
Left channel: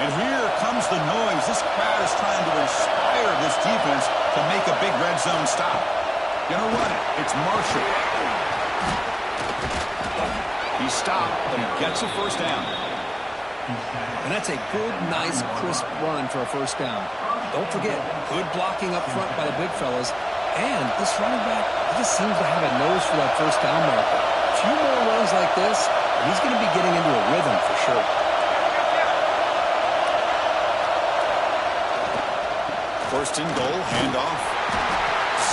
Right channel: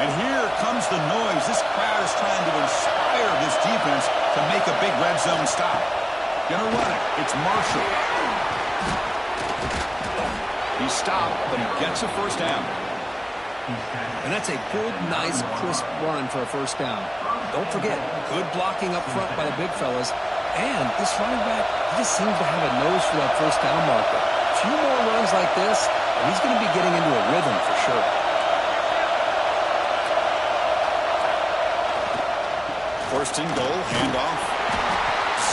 And here comes the noise. This crowd is trying to inspire this defense to make a big red zone stop. Gonna run it. It's Marshall. He stopped, but he gets a first down. And that's a good, nice, crisp run for a first down. Don't forget, good blocking up front by the big fellas. And this running back, he just seems to have a nose for that first down marker. A few more runs like this, and he's going to be getting into a rhythm for sure. First and goal, handoff.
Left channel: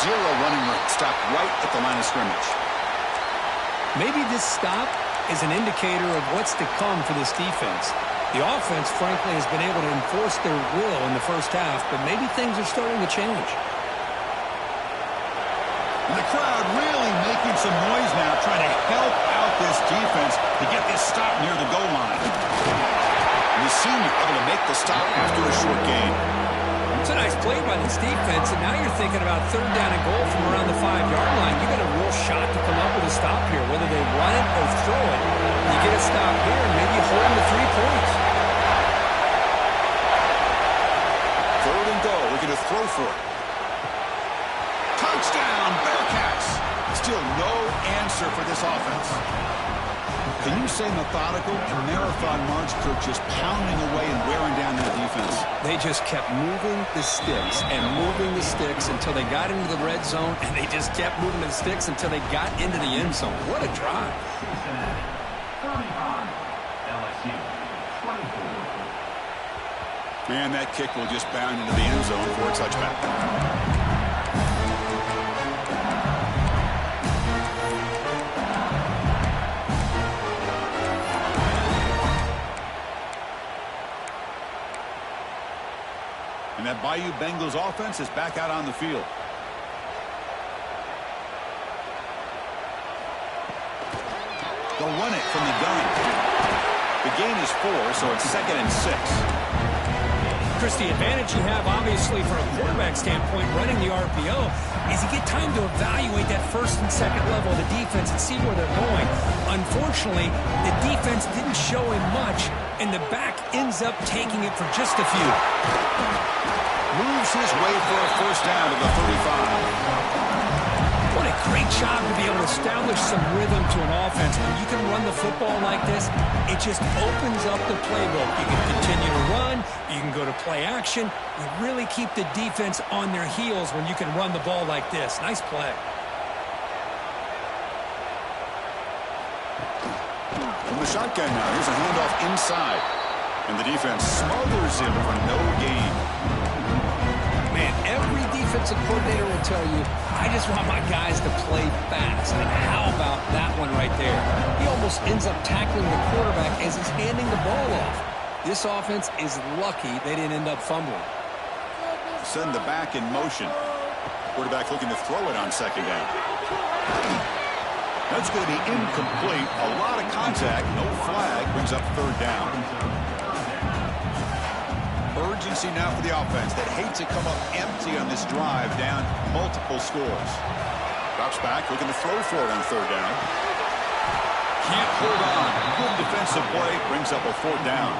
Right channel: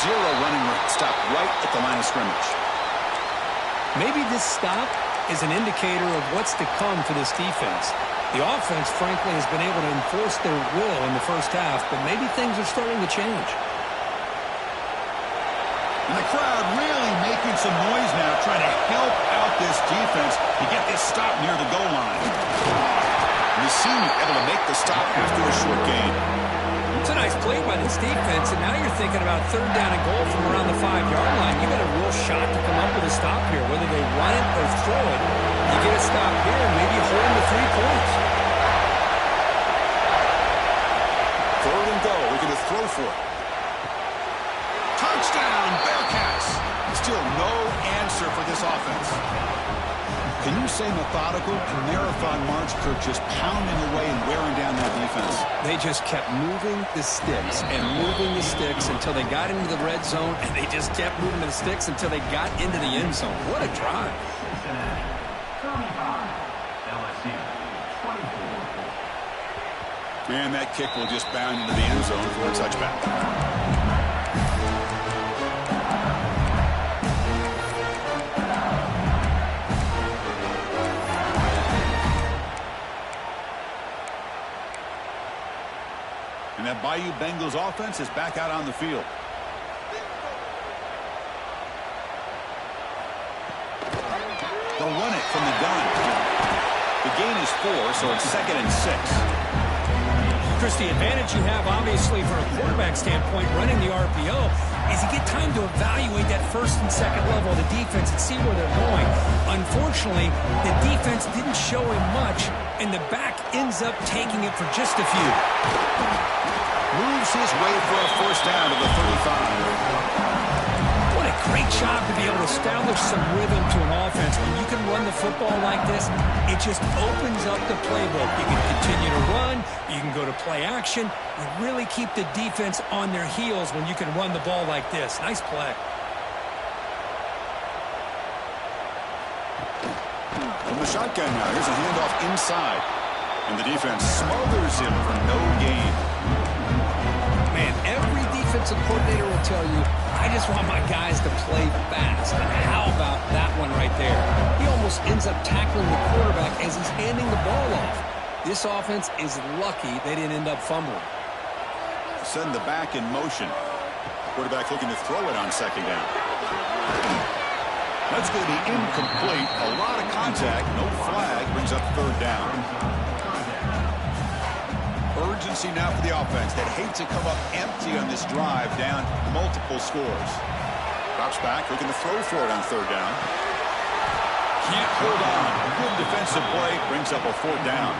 Zero running room. Stop right at the line of scrimmage. Maybe this stop is an indicator of what's to come for this defense. The offense, frankly, has been able to enforce their will in the first half, but maybe things are starting to change. And the crowd really making some noise now, trying to help out this defense to get this stop near the goal line. And the senior able to make the stop after a short gain. It's a nice play by this defense, and now you're thinking about third down and goal from around the 5-yard line. You got a real shot to come up with a stop here, whether they run it or throw it. You get a stop here, and maybe you hold them to 3 points. Third and goal. Looking to throw for it. Touchdown, Bearcats. Still no answer for this offense. Can you say methodical? A marathon march, Kirk, just pounding away and wearing down that defense. They just kept moving the sticks and moving the sticks until they got into the red zone, and they just kept moving the sticks until they got into the end zone. What a drive. Cincinnati, 35, LSU, 24. And that kick will just bound into the end zone for a touchback. And that Bayou Bengals offense is back out on the field. They'll run it from the gun. The gain is 4, so it's 2nd and 6. Chris, the advantage you have, obviously, from a quarterback standpoint, running the RPO, is you get time to evaluate that first and second level of the defense and see where they're going. Unfortunately, the defense didn't show him much, and the back ends up taking it for just a few. Moves his way for a first down to the 35. What a great job to be able to establish some rhythm to an offense. When you can run the football like this, it just opens up the playbook. You can continue to run. You can go to play action. You really keep the defense on their heels when you can run the ball like this. Nice play. From the shotgun now, here's a handoff inside. And the defense smothers him for no gain. Man, every defensive coordinator will tell you, I just want my guys to play fast. And how about that one right there? He almost ends up tackling the quarterback as he's handing the ball off. This offense is lucky they didn't end up fumbling. Send the back in motion. Quarterback looking to throw it on 2nd down. That's going to be incomplete. A lot of contact. No flag. Brings up 3rd down. Urgency now for the offense that hate to come up empty on this drive, down multiple scores. Drops back, looking to throw for it on 3rd down. Can't hold on. Good defensive play, brings up a 4th down.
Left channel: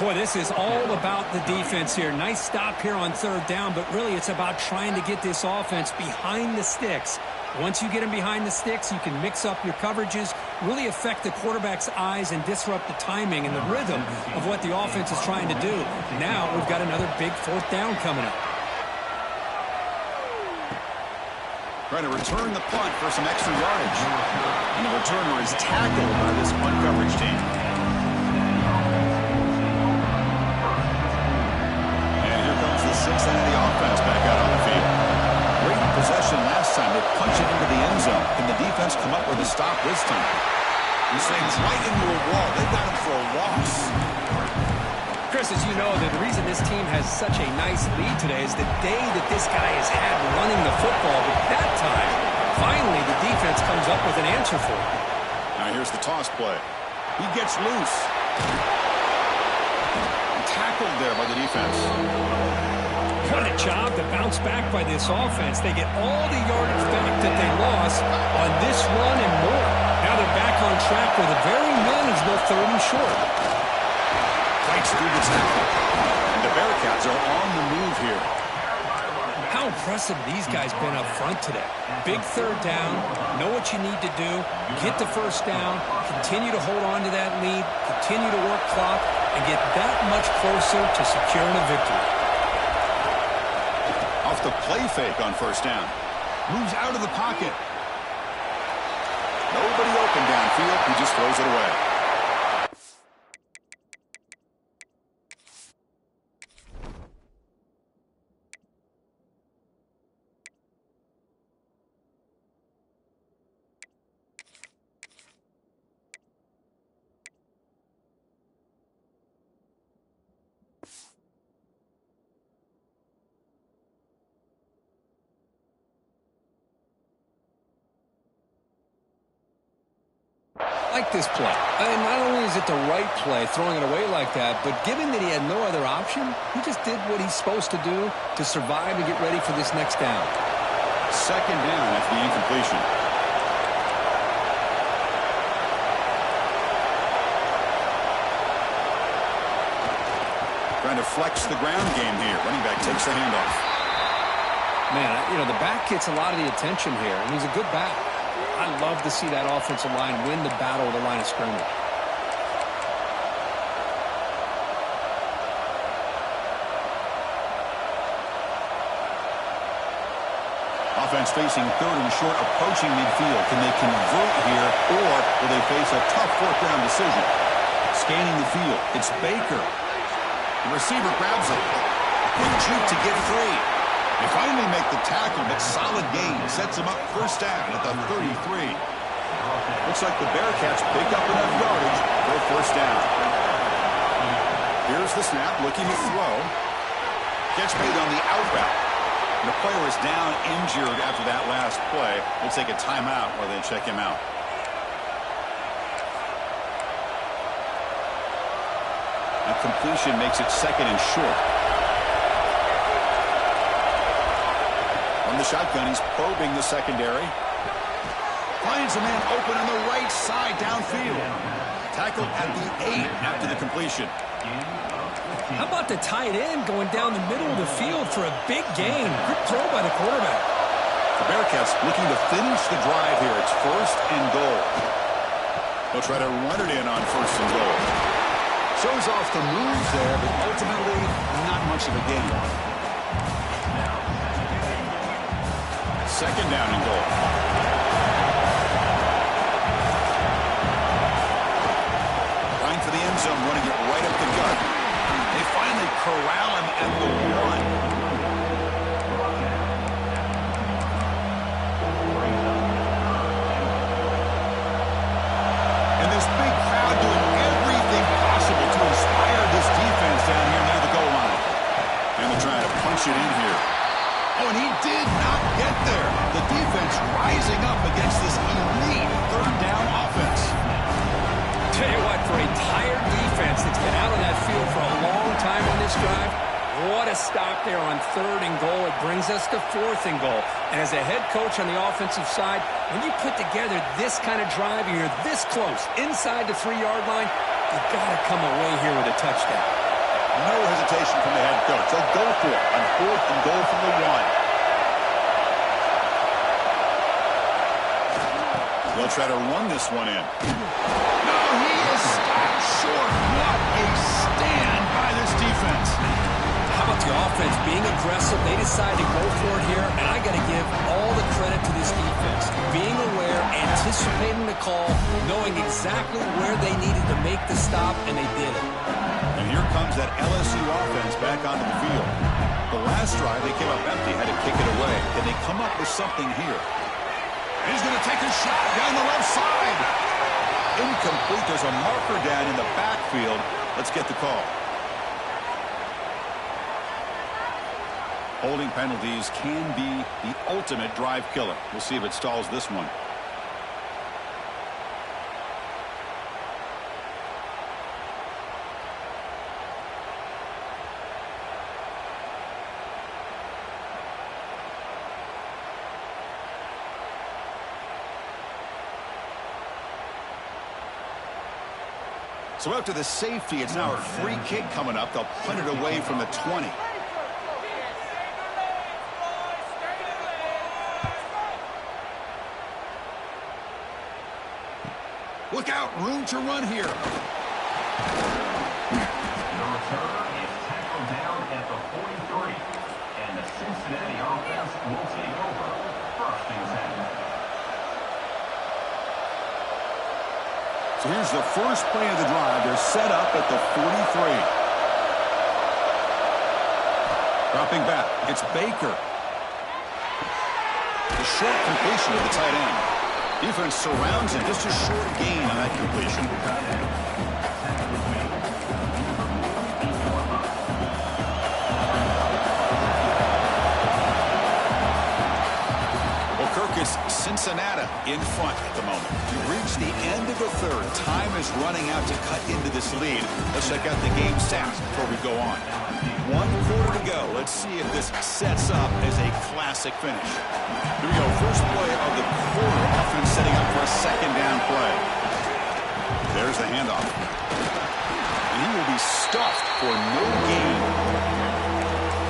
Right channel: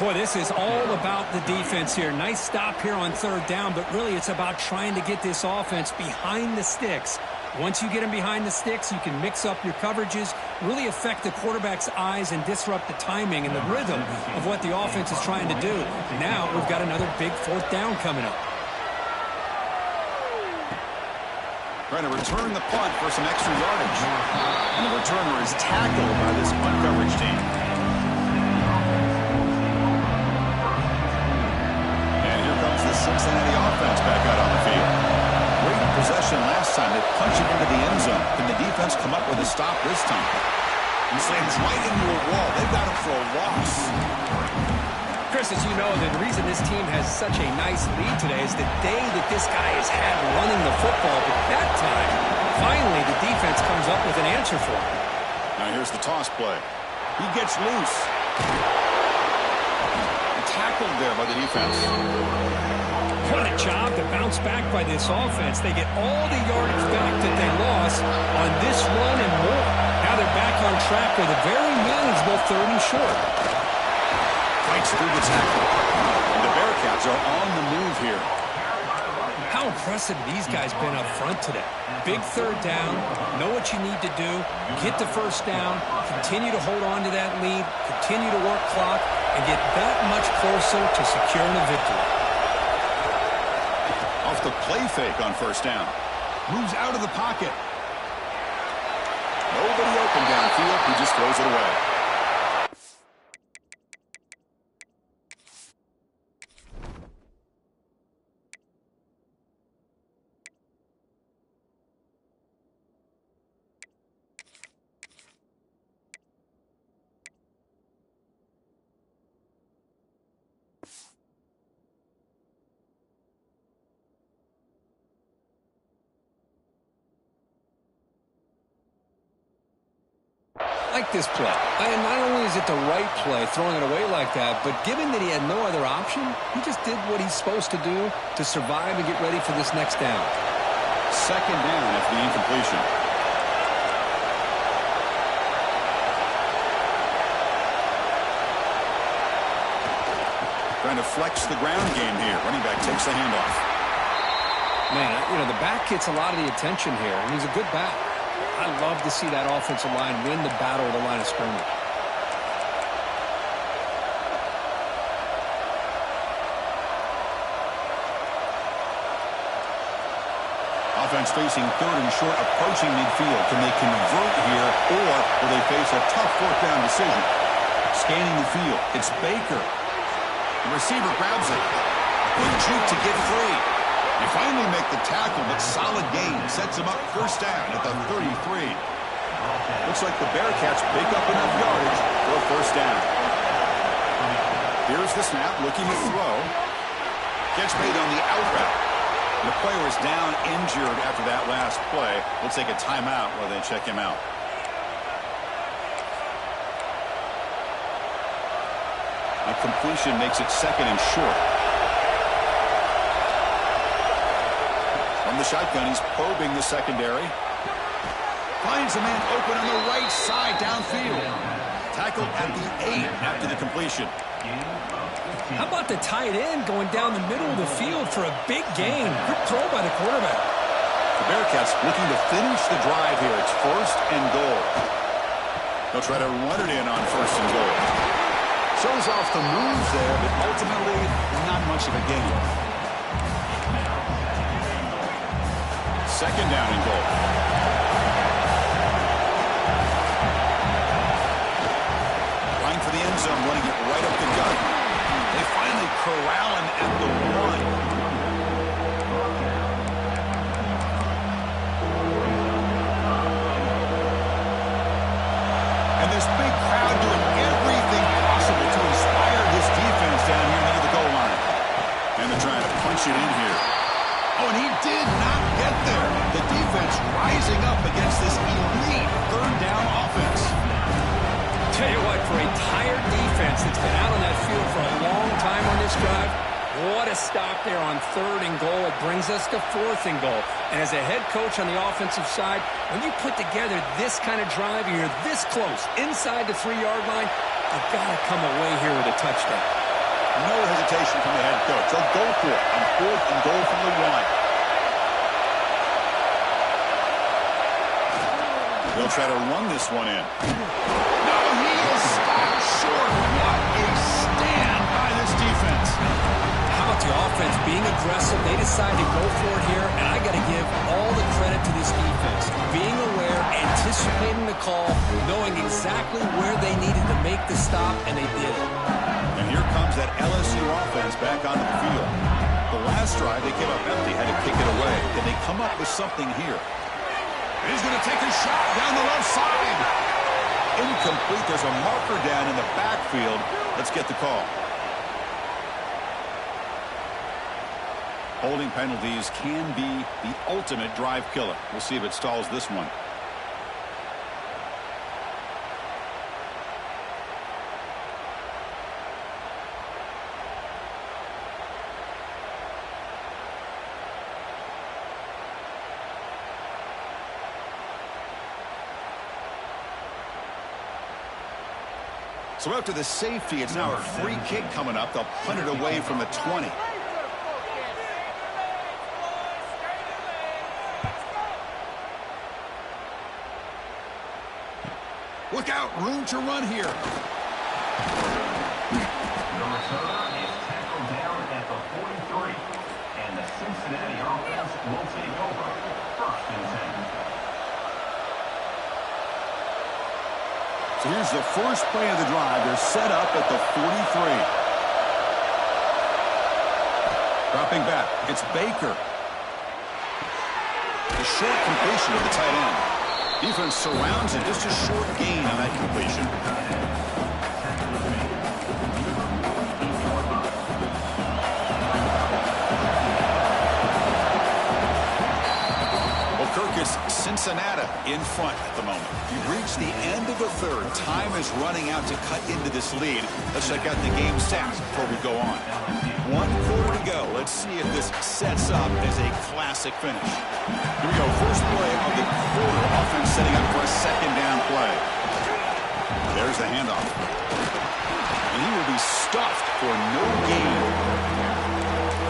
Boy, this is all about the defense here. Nice stop here on 3rd down, but really it's about trying to get this offense behind the sticks. Once you get them behind the sticks, you can mix up your coverages, really affect the quarterback's eyes and disrupt the timing and the rhythm of what the offense is trying to do. Now we've got another big 4th down coming up. Trying to return the punt for some extra yardage. And the returner is tackled by this punt coverage team. And here comes the Cincinnati offense back out on the field. Great possession last time. They punch it into the end zone. Can the defense come up with a stop this time? He's saying right into a wall. They've got him for a loss. Chris, as you know, the reason this team has such a nice lead today is the day that this guy has had running the football. But that time, finally, the defense comes up with an answer for him. Now here's the toss play. He gets loose. Tackled there by the defense. What a job to bounce back by this offense. They get all the yardage back that they lost on this run and more. Now they're back on track with a very manageable 3rd and short. Fights through the tackle. And the Bearcats are on the move here. How impressive these guys been up front today. Big 3rd down, know what you need to do, get the 1st down, continue to hold on to that lead, continue to work clock, and get that much closer to securing a victory. Off the play fake on 1st down. Moves out of the pocket. Nobody open downfield. He just throws it away. Like this play. And not only is it the right play, throwing it away like that, but given that he had no other option, he just did what he's supposed to do to survive and get ready for this next down. 2nd down after the incompletion. Trying to flex the ground game here. Running back takes the handoff. Man, you know, the back gets a lot of the attention here, and he's a good back. I love to see that offensive line win the battle of the line of scrimmage. Offense facing 3rd and short, approaching midfield. Can they convert here, or will they face a tough 4th down decision? Scanning the field. It's Baker. The receiver grabs it. Quick juke to get free. They finally make the tackle, but solid gain. Sets them up first down at the 33. Looks like the Bearcats pick up enough yardage for a first down. Here's the snap, looking to throw. Catch made on the out route. The player is down injured after that last play. We'll take a timeout while they check him out. A completion makes it second and short. From the shotgun, he's probing the secondary. Finds a man open on the right side downfield. Tackled at the 8 after the completion. How about the tight end going down the middle of the field for a big gain? Good throw by the quarterback. The Bearcats looking to finish the drive here. It's first and goal. They'll try to run it in on first and goal. Shows off the moves there, but ultimately not much of a gain. Second down and goal. Line for the end zone, running it right up the gut. They finally corral him at the 1. And this big crowd doing everything possible to inspire this defense down here near the goal line. And they're trying to punch it in here. Oh, and he did not get there. The defense rising up against this elite third down offense. Tell you what, for a tired defense that's been out on that field for a long time on this drive, what a stop there on third and goal. It brings us to fourth and goal. And as a head coach on the offensive side, when you put together this kind of drive, you're this close, inside the 3-yard line, you've got to come away here with a touchdown. No hesitation from the head coach. They'll go for it on fourth and goal from the 1. They'll try to run this one in. No, he is stopped short. What a stand by this defense. How about the offense being aggressive? They decide to go for it here, and I got to give all the credit to this defense. Being aware, anticipating the call, knowing exactly where they needed to make the stop, and they did it. And here comes that LSU offense back onto the field. The last drive, they came up empty, had to kick it away. Can they come up with something here? He's going to take a shot down the left side. Incomplete. There's a marker down in the backfield. Let's get the call. Holding penalties can be the ultimate drive killer. We'll see if it stalls this one. So after the safety, it's now a free kick coming up. They'll punt it away from the 20. Look out, room to run here. The return is tackled down at the 43. And the Cincinnati offense will take over. First and 10. So here's the first play of the drive. They're set up at the 43. Dropping back. It's Baker. The short completion of the tight end. Defense surrounds him. Just a short gain on that completion. Kirk is Cincinnati in front at the moment. We've reached the end of the third. Time is running out to cut into this lead. Let's check out the game stats before we go on. 1 quarter to go. Let's see if this sets up as a classic finish. Here we go. First play of the quarter. Offense setting up for a second down play. There's the handoff. And he will be stuffed for no gain.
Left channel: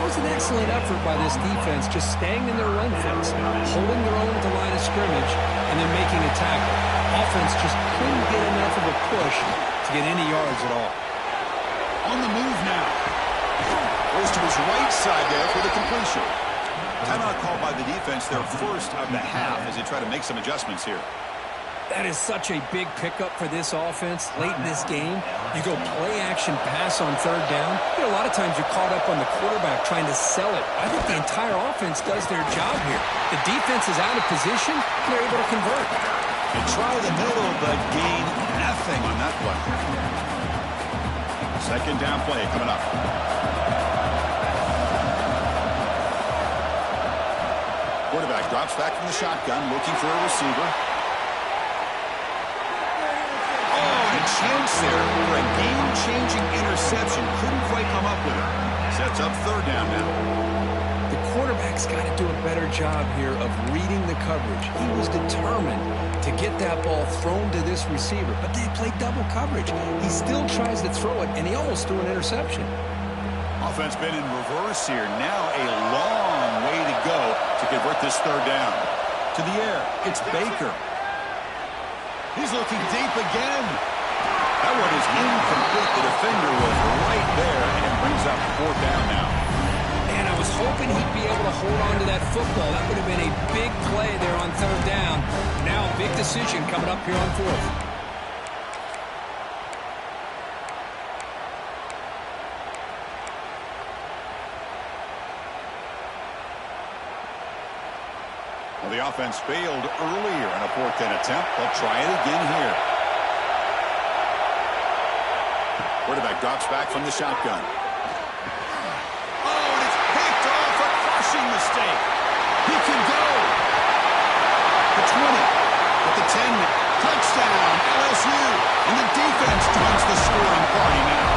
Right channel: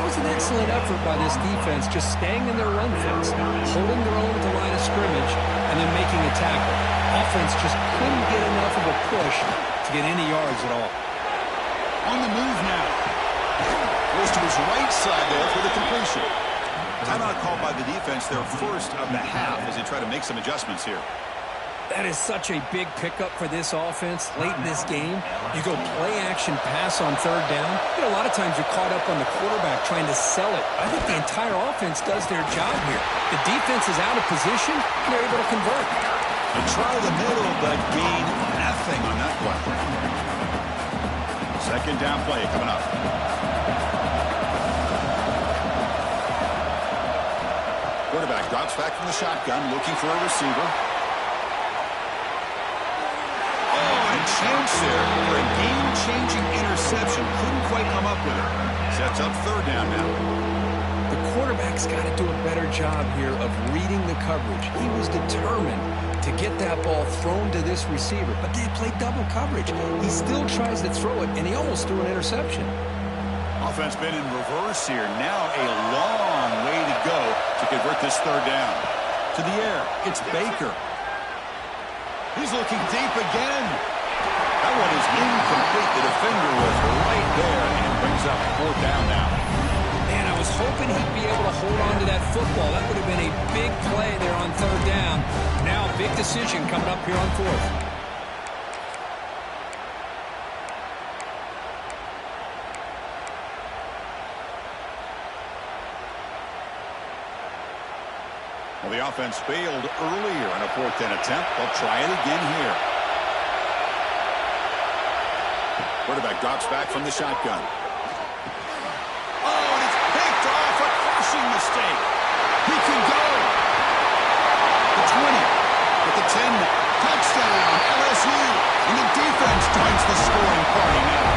That was an excellent effort by this defense, just staying in their run fence, holding their own at the line of scrimmage, and then making a tackle. Offense just couldn't get enough of a push to get any yards at all. On the move now. Goes to his right side there for the completion. Timeout called by the defense, their first of the half, as they try to make some adjustments here. That is such a big pickup for this offense late in this game. You go play-action pass on third down. A lot of times you're caught up on the quarterback trying to sell it. I think the entire offense does their job here. The defense is out of position, and they're able to convert. They try the middle, but gain nothing on that play. Second down play coming up. Quarterback drops back from the shotgun, looking for a receiver. Chance there for a game-changing interception. Couldn't quite come up with it. Sets up third down now. The quarterback's got to do a better job here of reading the coverage. He was determined to get that ball thrown to this receiver, but they played double coverage. He still tries to throw it, and he almost threw an interception. Offense been in reverse here. Now a long way to go to convert this third down. To the air, it's Baker. He's looking deep again. That one is incomplete. The defender was right there and brings up fourth down now. Man, I was hoping he'd be able to hold on to that football. That would have been a big play there on third down. Now a big decision coming up here on fourth. Well, the offense failed earlier in a fourth down attempt. They'll try it again here. Quarterback drops back from the shotgun. Oh, and it's picked off. A crushing mistake. He can go. The 20. At the 10. Touchdown, LSU. And the defense joins the scoring party now.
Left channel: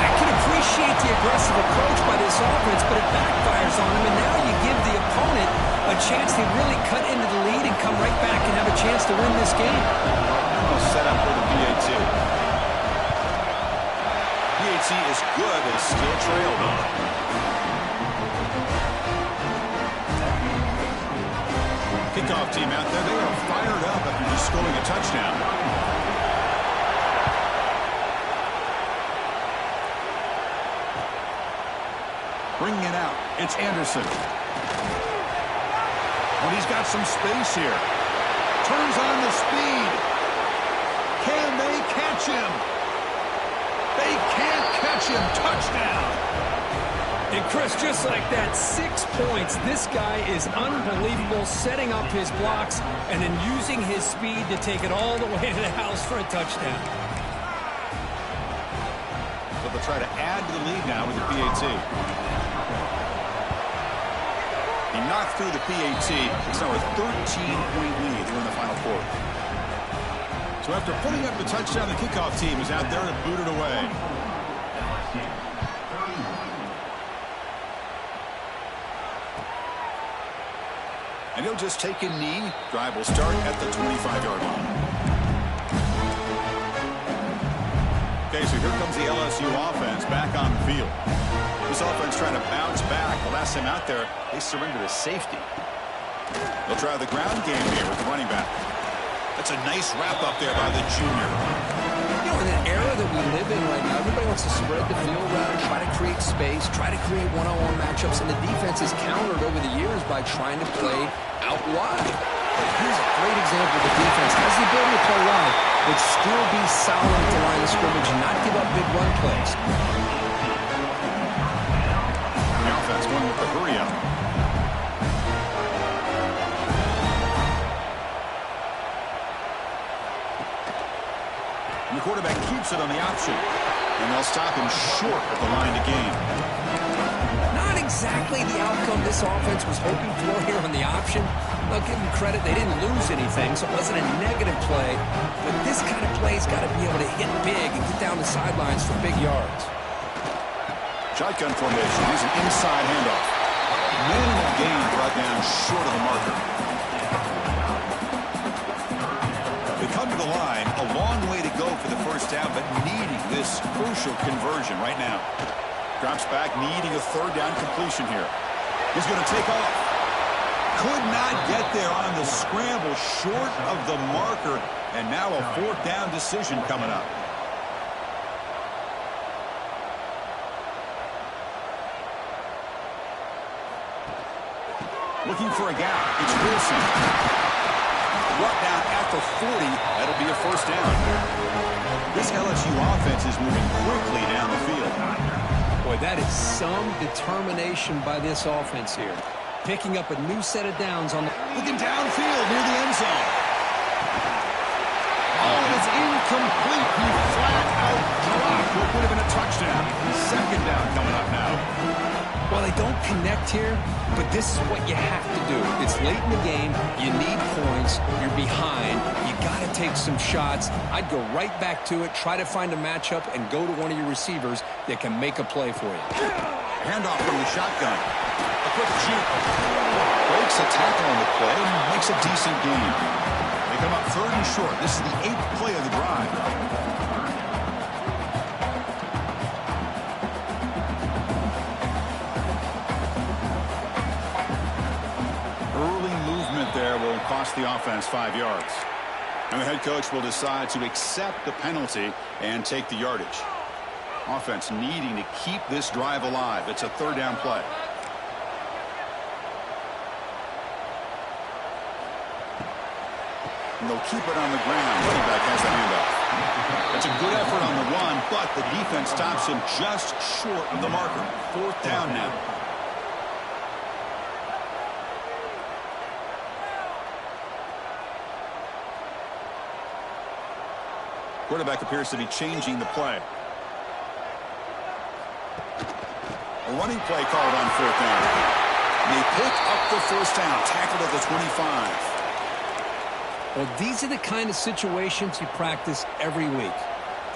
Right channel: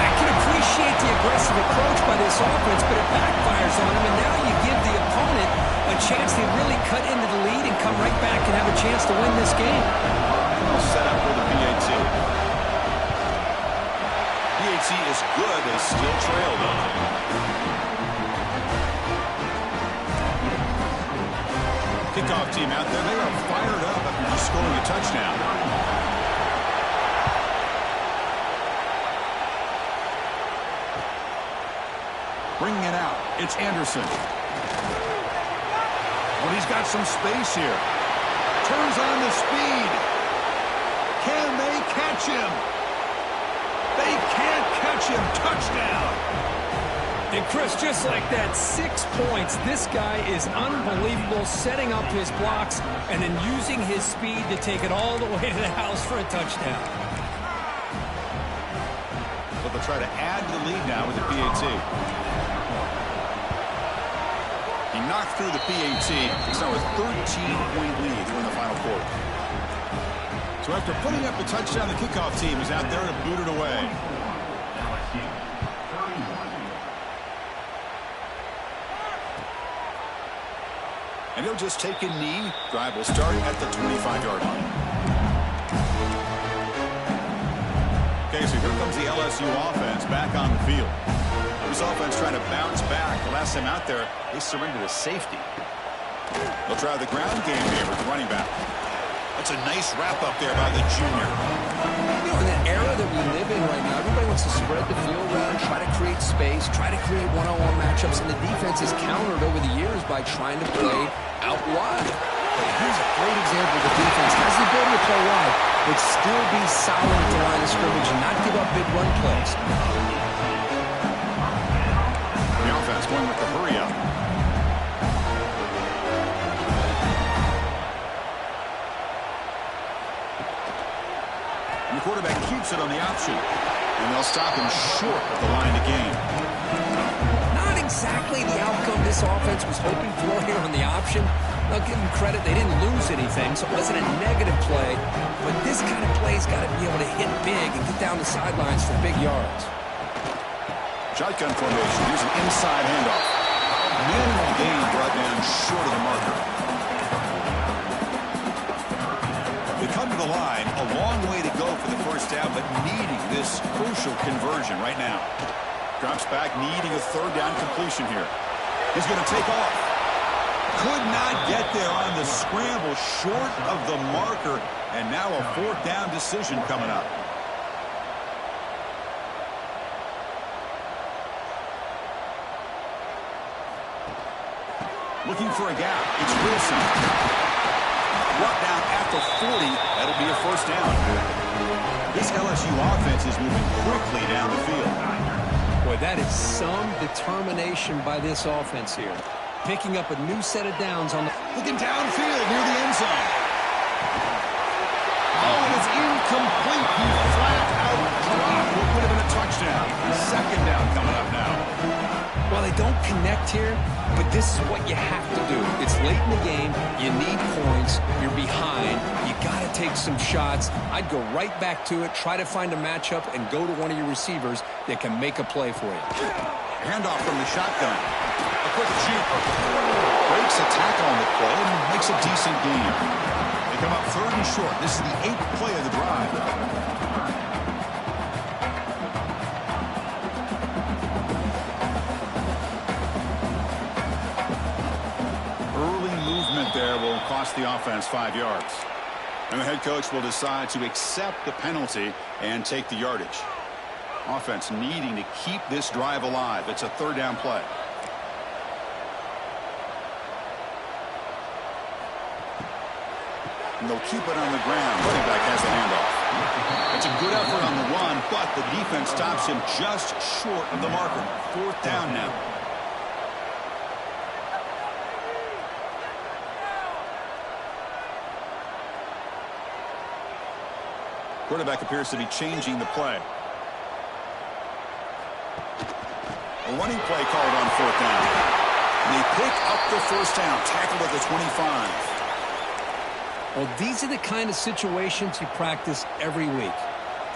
I can appreciate the aggressive approach by this offense, but it backfires on him, and now you give the opponent a chance to really cut into the lead and come right back and have a chance to win this game. Well, set up for the PAT. PAT is good. They still trail, though. Kickoff team out there. They are fired up after just scoring a touchdown. Bringing it out. It's Anderson. But he's got some space here. Turns on the speed. Can they catch him? They can't catch him. Touchdown. And Chris, just like that, 6 points. This guy is unbelievable, setting up his blocks and then using his speed to take it all the way to the house for a touchdown. So they'll try to add to the lead now with the PAT. He knocked through the PAT. It's now a 13-point lead here in the final quarter. So after putting up the touchdown, the kickoff team is out there to boot it away. And he'll just take a knee. Drive will start at the 25-yard line. Okay, so here comes the LSU offense back on the field. This offense trying to bounce back. The last time out there, they surrendered a safety. They'll try the ground game here with the running back. That's a nice wrap up there by the junior. You know, in that era that we live in right now, everybody wants to spread the field around, try to create space, try to create one-on-one matchups, and the defense is countered over the years by trying to play out wide. But here's a great example. The defense has the ability to play wide, but still be solid at the line of scrimmage and not give up big run plays. The offense going with the hurry up. And the quarterback keeps it on the option. And they'll stop him short of the line to gain. Not exactly the outcome this offense was hoping for here on the option. I'll give them credit. They didn't lose anything, so it wasn't a negative play. But this kind of play's got to be able to hit big and get down the sidelines for big yards. Shotgun formation. Here's an inside handoff. Minimal gain brought down short of the marker. They come to the line, a long way to go for the first down, but needing this crucial conversion right now. Drops back, needing a third down completion here. He's going to take off. Could not get there on the scramble, short of the marker, and now a fourth down decision coming up. Looking for a gap. It's Wilson. Brought down at the 40. That'll be a first down. This LSU offense is moving quickly down the field. Boy, that is some determination by this offense here. Picking up a new set of downs on the... Looking downfield near the end zone. Oh, and it's incomplete. He flat out dropped what would have been a touchdown. Second down coming up now. Well, they don't connect here, but this is what you have to do. It's late in the game. You need points. You're behind. You got to take some shots. I'd go right back to it, try to find a matchup, and go to one of your receivers that can make a play for you. Handoff from the shotgun. A quick juke. Breaks a tackle on the play and makes a decent gain. They come up 3rd and short. This is the 8th play of the drive. Early movement there will cost the offense 5 yards. And the head coach will decide to accept the penalty and take the yardage. Offense needing to keep this drive alive. It's a 3rd down play. And they'll keep it on the ground. Running back has the handoff. It's a good effort on the run, but the defense stops him just short of the marker. 4th down now. Quarterback appears to be changing the play. A running play called on 4th down. And they pick up the first down, tackled at the 25. Well, these are the kind of situations you practice every week.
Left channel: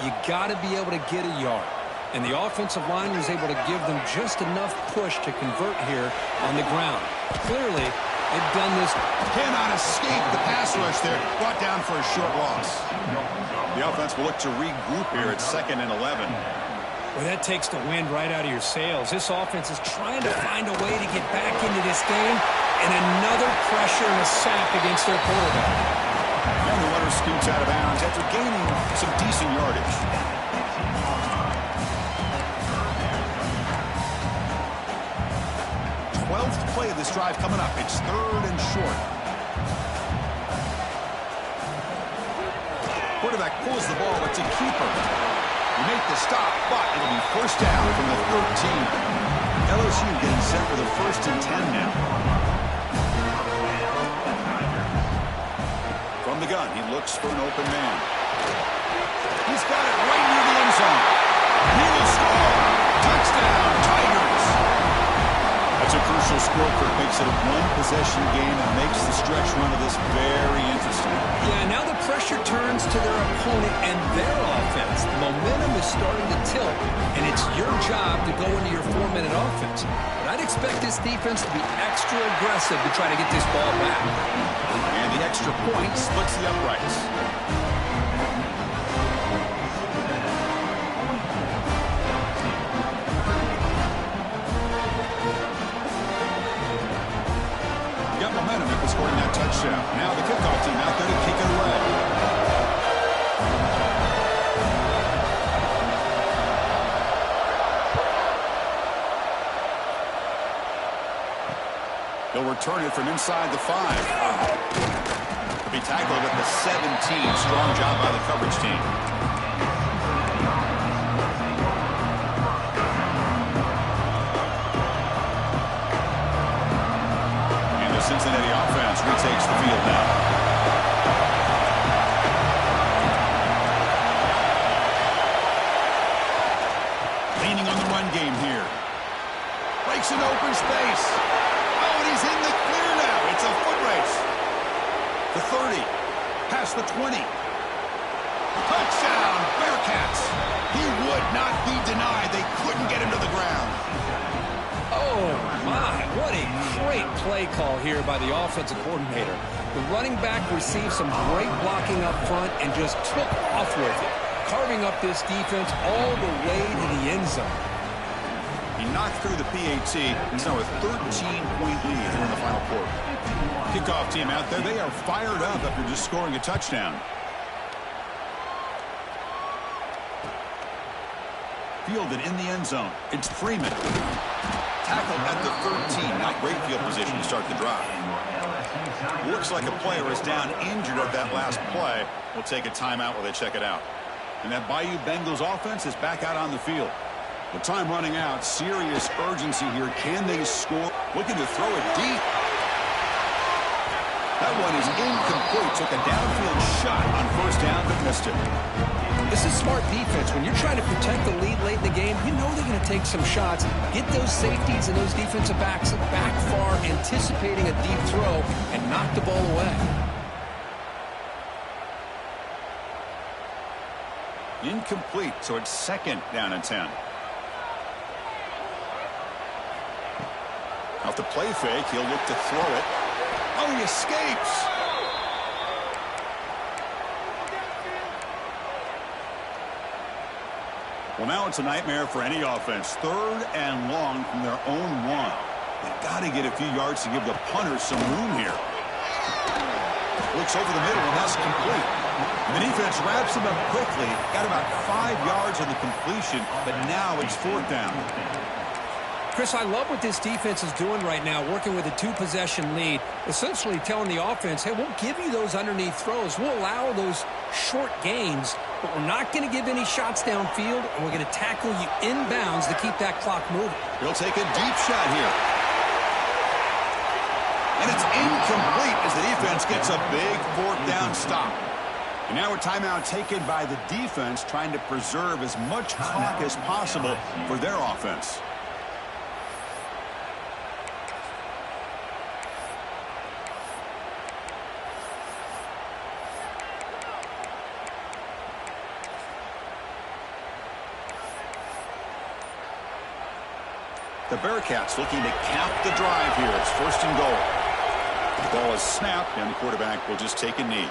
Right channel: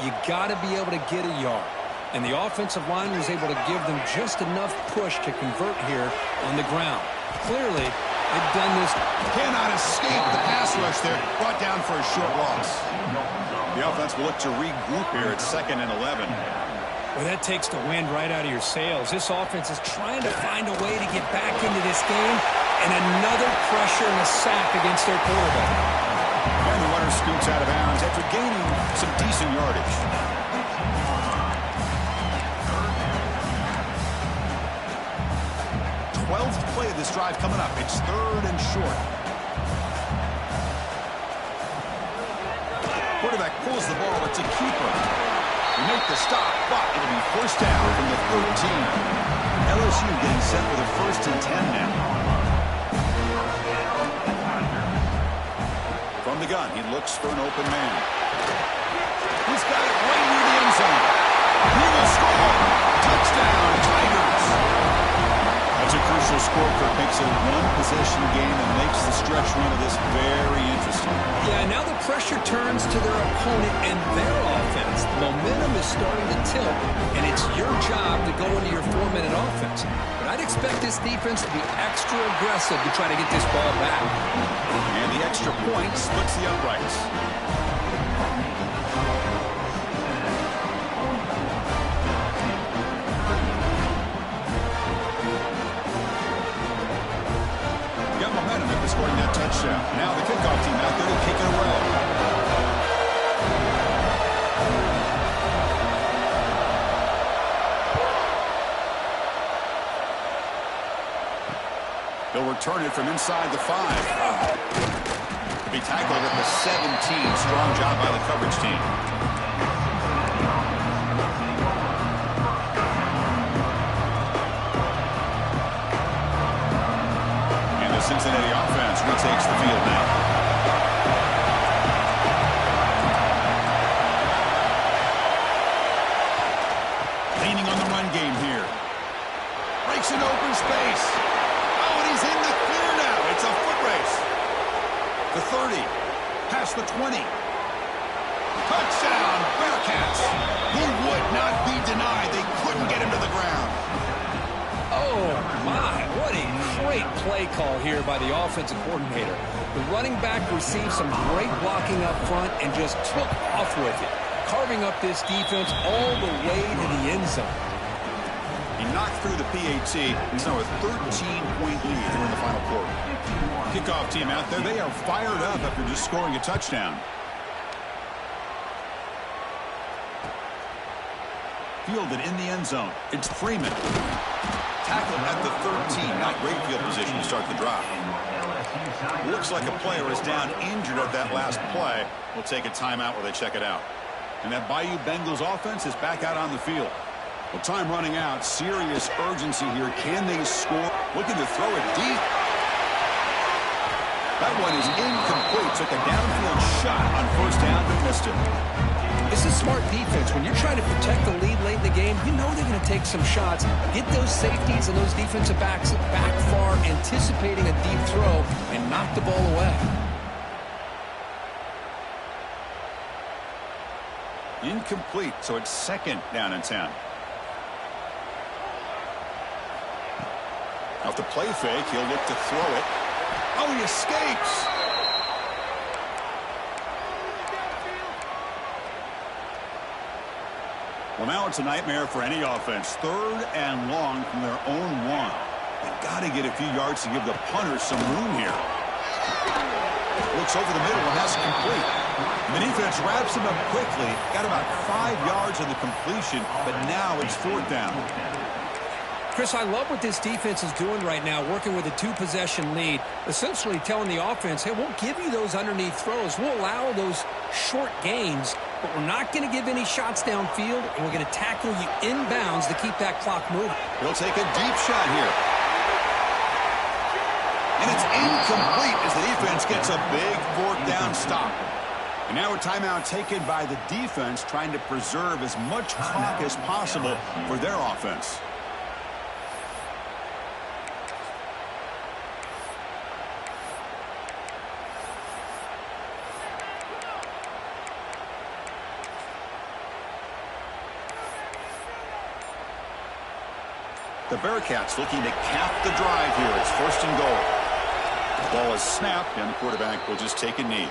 You got to be able to get a yard. And the offensive line was able to give them just enough push to convert here on the ground. Clearly, they've done this. Cannot escape the pass rush there. Brought down for a short loss. The offense will look to regroup here at 2nd and 11. Well, that takes the wind right out of your sails. This offense is trying to find a way to get back into this game, and another pressure and a sack against their quarterback. And the runner scoots out of bounds after gaining some decent yardage. Twelfth play of this drive coming up. It's 3rd and short. Quarterback pulls the ball. It's a keeper. We make the stop, but it'll be first down from the 13. LSU getting set for the 1st and 10 now. From the gun, he looks for an open man. He's got it right near the end zone. He will score. Touchdown, Tigers. That's a crucial score, Kirk. Makes it a one-possession game and makes the stretch run of this very interesting. Yeah, now the pressure turns to their opponent and their offense. The momentum is starting to tilt, and it's your job to go into your 4-minute offense. But I'd expect this defense to be extra aggressive to try to get this ball back. And the extra point splits the uprights. Got momentum after scoring that touchdown. Now the kickoff team out there to kick it away. He'll return it from inside the 5. To be tackled at the 17. Strong job by the coverage team. Cincinnati offense retakes the field now. Leaning on the run game here. Breaks an open space. Oh, and he's in the clear now. It's a foot race. The 30. Past the 20. Touchdown, Bearcats. He would not be denied. They couldn't get him to the ground. Oh, my. What a great play call here by the offensive coordinator. The running back received some great blocking up front and just took off with it, carving up this defense all the way to the end zone. He knocked through the PAT. It's now a 13-point lead here in the final quarter. Kickoff team out there. They are fired up after just scoring a touchdown. Fielded in the end zone. It's Freeman. tackle at the 13. Not great field position to start the drive. Looks like a player is down injured at that last play. We'll take a timeout while they check it out. And that Bayou Bengals offense is back out on the field. Well, time running out. Serious urgency here. Can they score? Looking to throw it deep. That one is incomplete. Took a downfield shot on first down, but missed it. This is smart defense. When you're trying to protect the lead late in the game, you know they're going to take some shots. Get those safeties and those defensive backs back far, anticipating a deep throw, and knock the ball away. Incomplete, so it's second down and 10. Off the play fake, he'll look to throw it. Oh, he escapes. Well, now it's a nightmare for any offense. Third and long from their own one. They've got to get a few yards to give the punters some room here. Looks over the middle, and that's complete. And the defense wraps him up quickly. Got about 5 yards on the completion, but now it's fourth down. Chris, I love what this defense is doing right now, working with a 2-possession lead, essentially telling the offense, hey, we'll give you those underneath throws. We'll allow those short gains, but we're not going to give any shots downfield, and we're going to tackle you inbounds to keep that clock moving. He'll take a deep shot here. And it's incomplete as the defense gets a big fourth down stop. And now a timeout taken by the defense, trying to preserve as much clock as possible for their offense. The Bearcats looking to cap the drive here. It's first and goal. The ball is snapped, and the quarterback will just take a knee.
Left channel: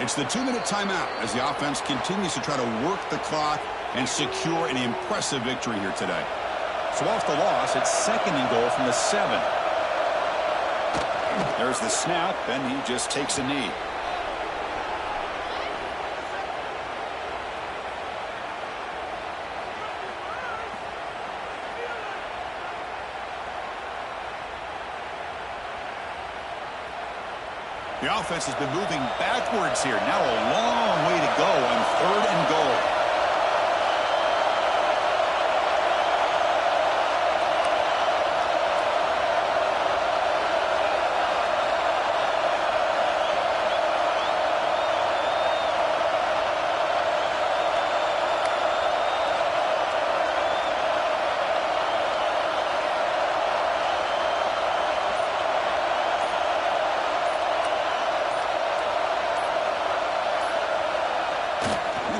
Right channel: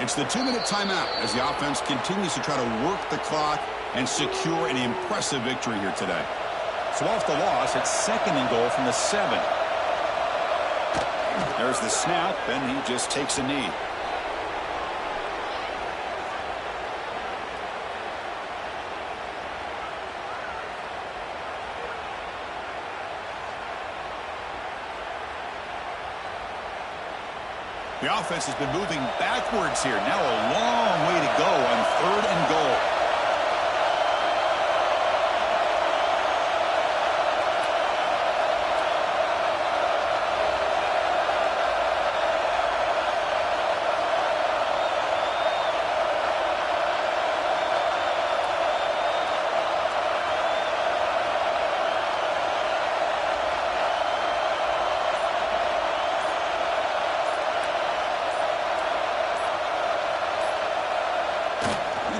It's the 2-minute timeout as the offense continues to try to work the clock and secure an impressive victory here today. So off the loss, it's second and goal from the 7. There's the snap, and he just takes a knee. The offense has been moving backwards here. Now a long way to go on third and goal.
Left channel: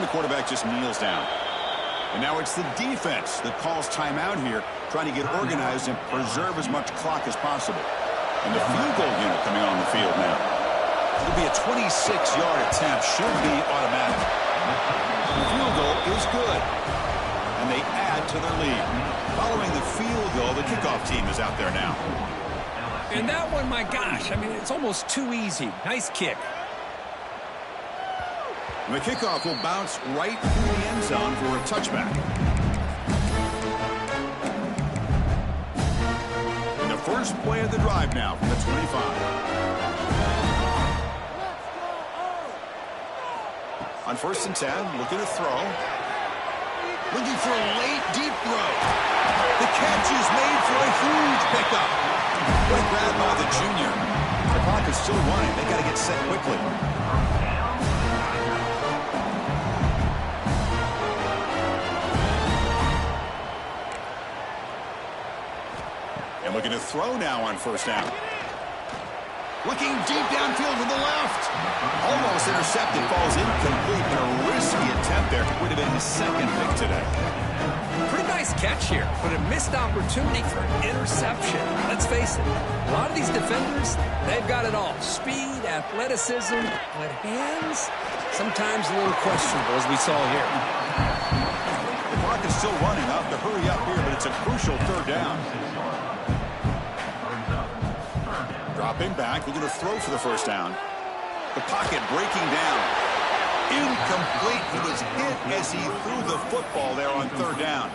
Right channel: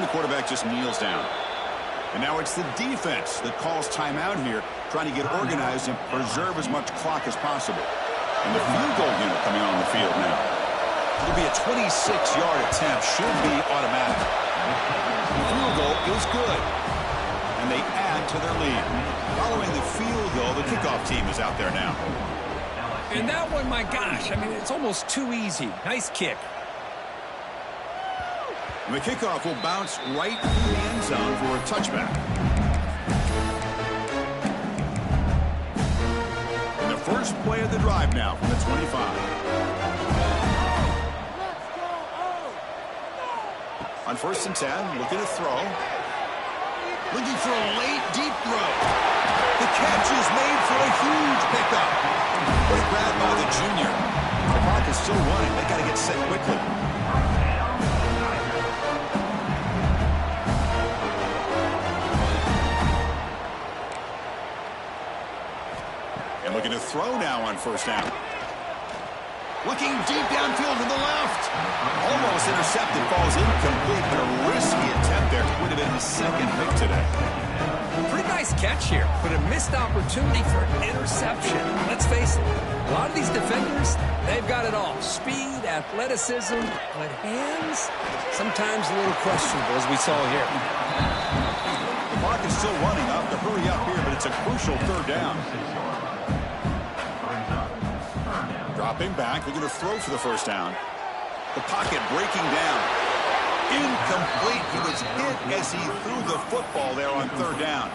The quarterback just kneels down. And now it's the defense that calls timeout here, trying to get organized and preserve as much clock as possible. And the field goal unit coming on the field now. It'll be a 26-yard attempt, should be automatic. The field goal is good. And they add to their lead. Following the field goal, the kickoff team is out there now. And that one, my gosh, I mean, it's almost too easy. Nice kick. And the kickoff will bounce right through the end zone for a touchback. And the first play of the drive now from the 25. On first and 10, looking to throw. Looking for a late, deep throw. The catch is made for a huge pickup. What a grab by the junior. The clock is still running. They got to get set quickly. And looking to throw now on first down. Looking deep downfield to the left. Almost intercepted, falls incomplete, but a risky attempt there. Would have been his second pick today. Pretty nice catch here, but a missed opportunity for an interception. Let's face it, a lot of these defenders, they've got it all. Speed, athleticism, but hands, sometimes a little questionable, as we saw here. The clock is still running. Off to hurry up here, but it's a crucial third down. Dropping back, looking to throw for the first down. The pocket breaking down. Incomplete. He was hit as he threw the football there on third down.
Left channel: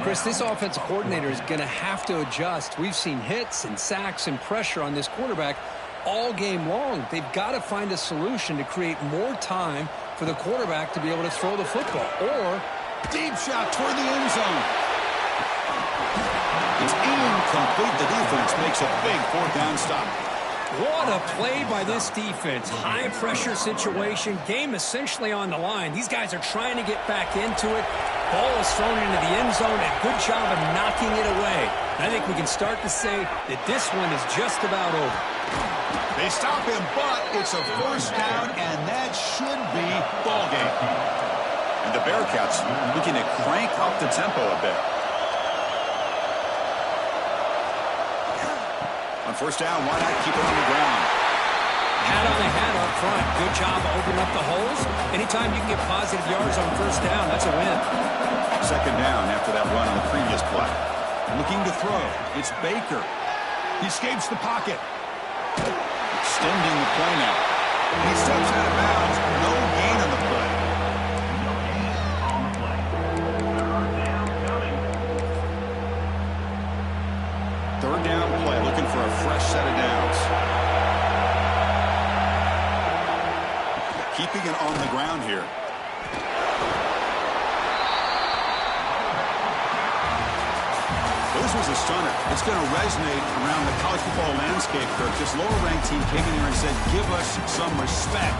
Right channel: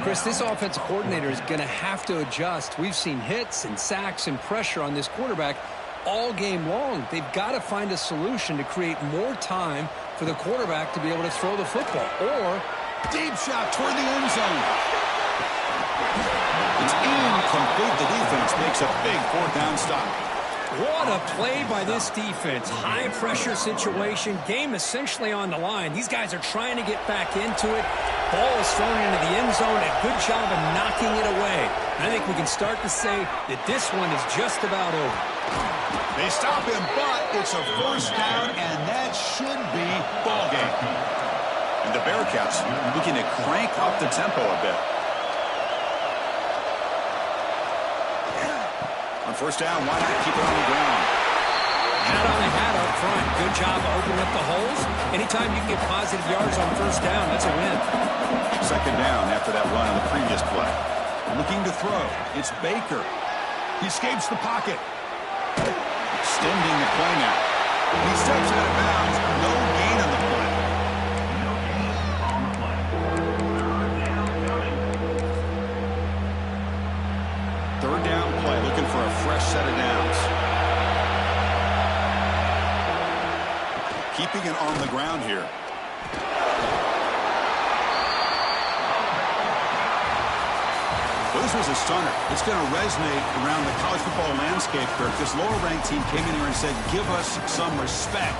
Chris, this offensive coordinator is going to have to adjust. We've seen hits and sacks and pressure on this quarterback all game long. They've got to find a solution to create more time for the quarterback to be able to throw the football. Or deep shot toward the end zone. It's incomplete. The defense makes a big fourth down stop. What a play by this defense. High pressure situation. Game essentially on the line. These guys are trying to get back into it. Ball is thrown into the end zone. A good job of knocking it away. And I think we can start to say that this one is just about over. They stop him, but it's a first down, and that should be ball game. And the Bearcats looking to crank up the tempo a bit. On first down, why not keep it on the ground? Hat on the hat up front. Good job of opening up the holes. Anytime you can get positive yards on first down, that's a win. Second down after that run on the previous play. Looking to throw. It's Baker. He escapes the pocket. Extending the play now. He steps out of bounds. No gain on the play. No gain on the play. Third down coming. Third down play. Looking for a fresh set of downs. Keeping it on the ground here. Well, this was a stunner. It's going to resonate around the college football landscape, Kirk. This lower-ranked team came in here and said, give us some respect.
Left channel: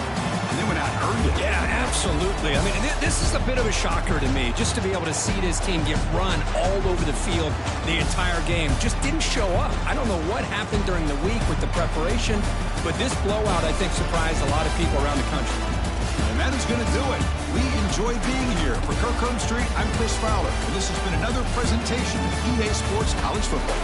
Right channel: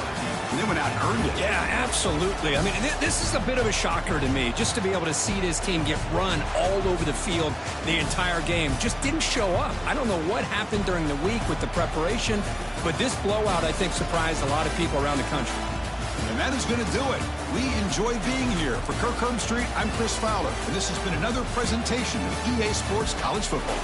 And they went out and earned it. Yeah, absolutely. I mean, this is a bit of a shocker to me, just to be able to see this team get run all over the field the entire game. Just didn't show up. I don't know what happened during the week with the preparation, but this blowout, I think, surprised a lot of people around the country. And that is going to do it. We enjoy being here. For Kirk Street, I'm Chris Fowler, and this has been another presentation of EA Sports College Football.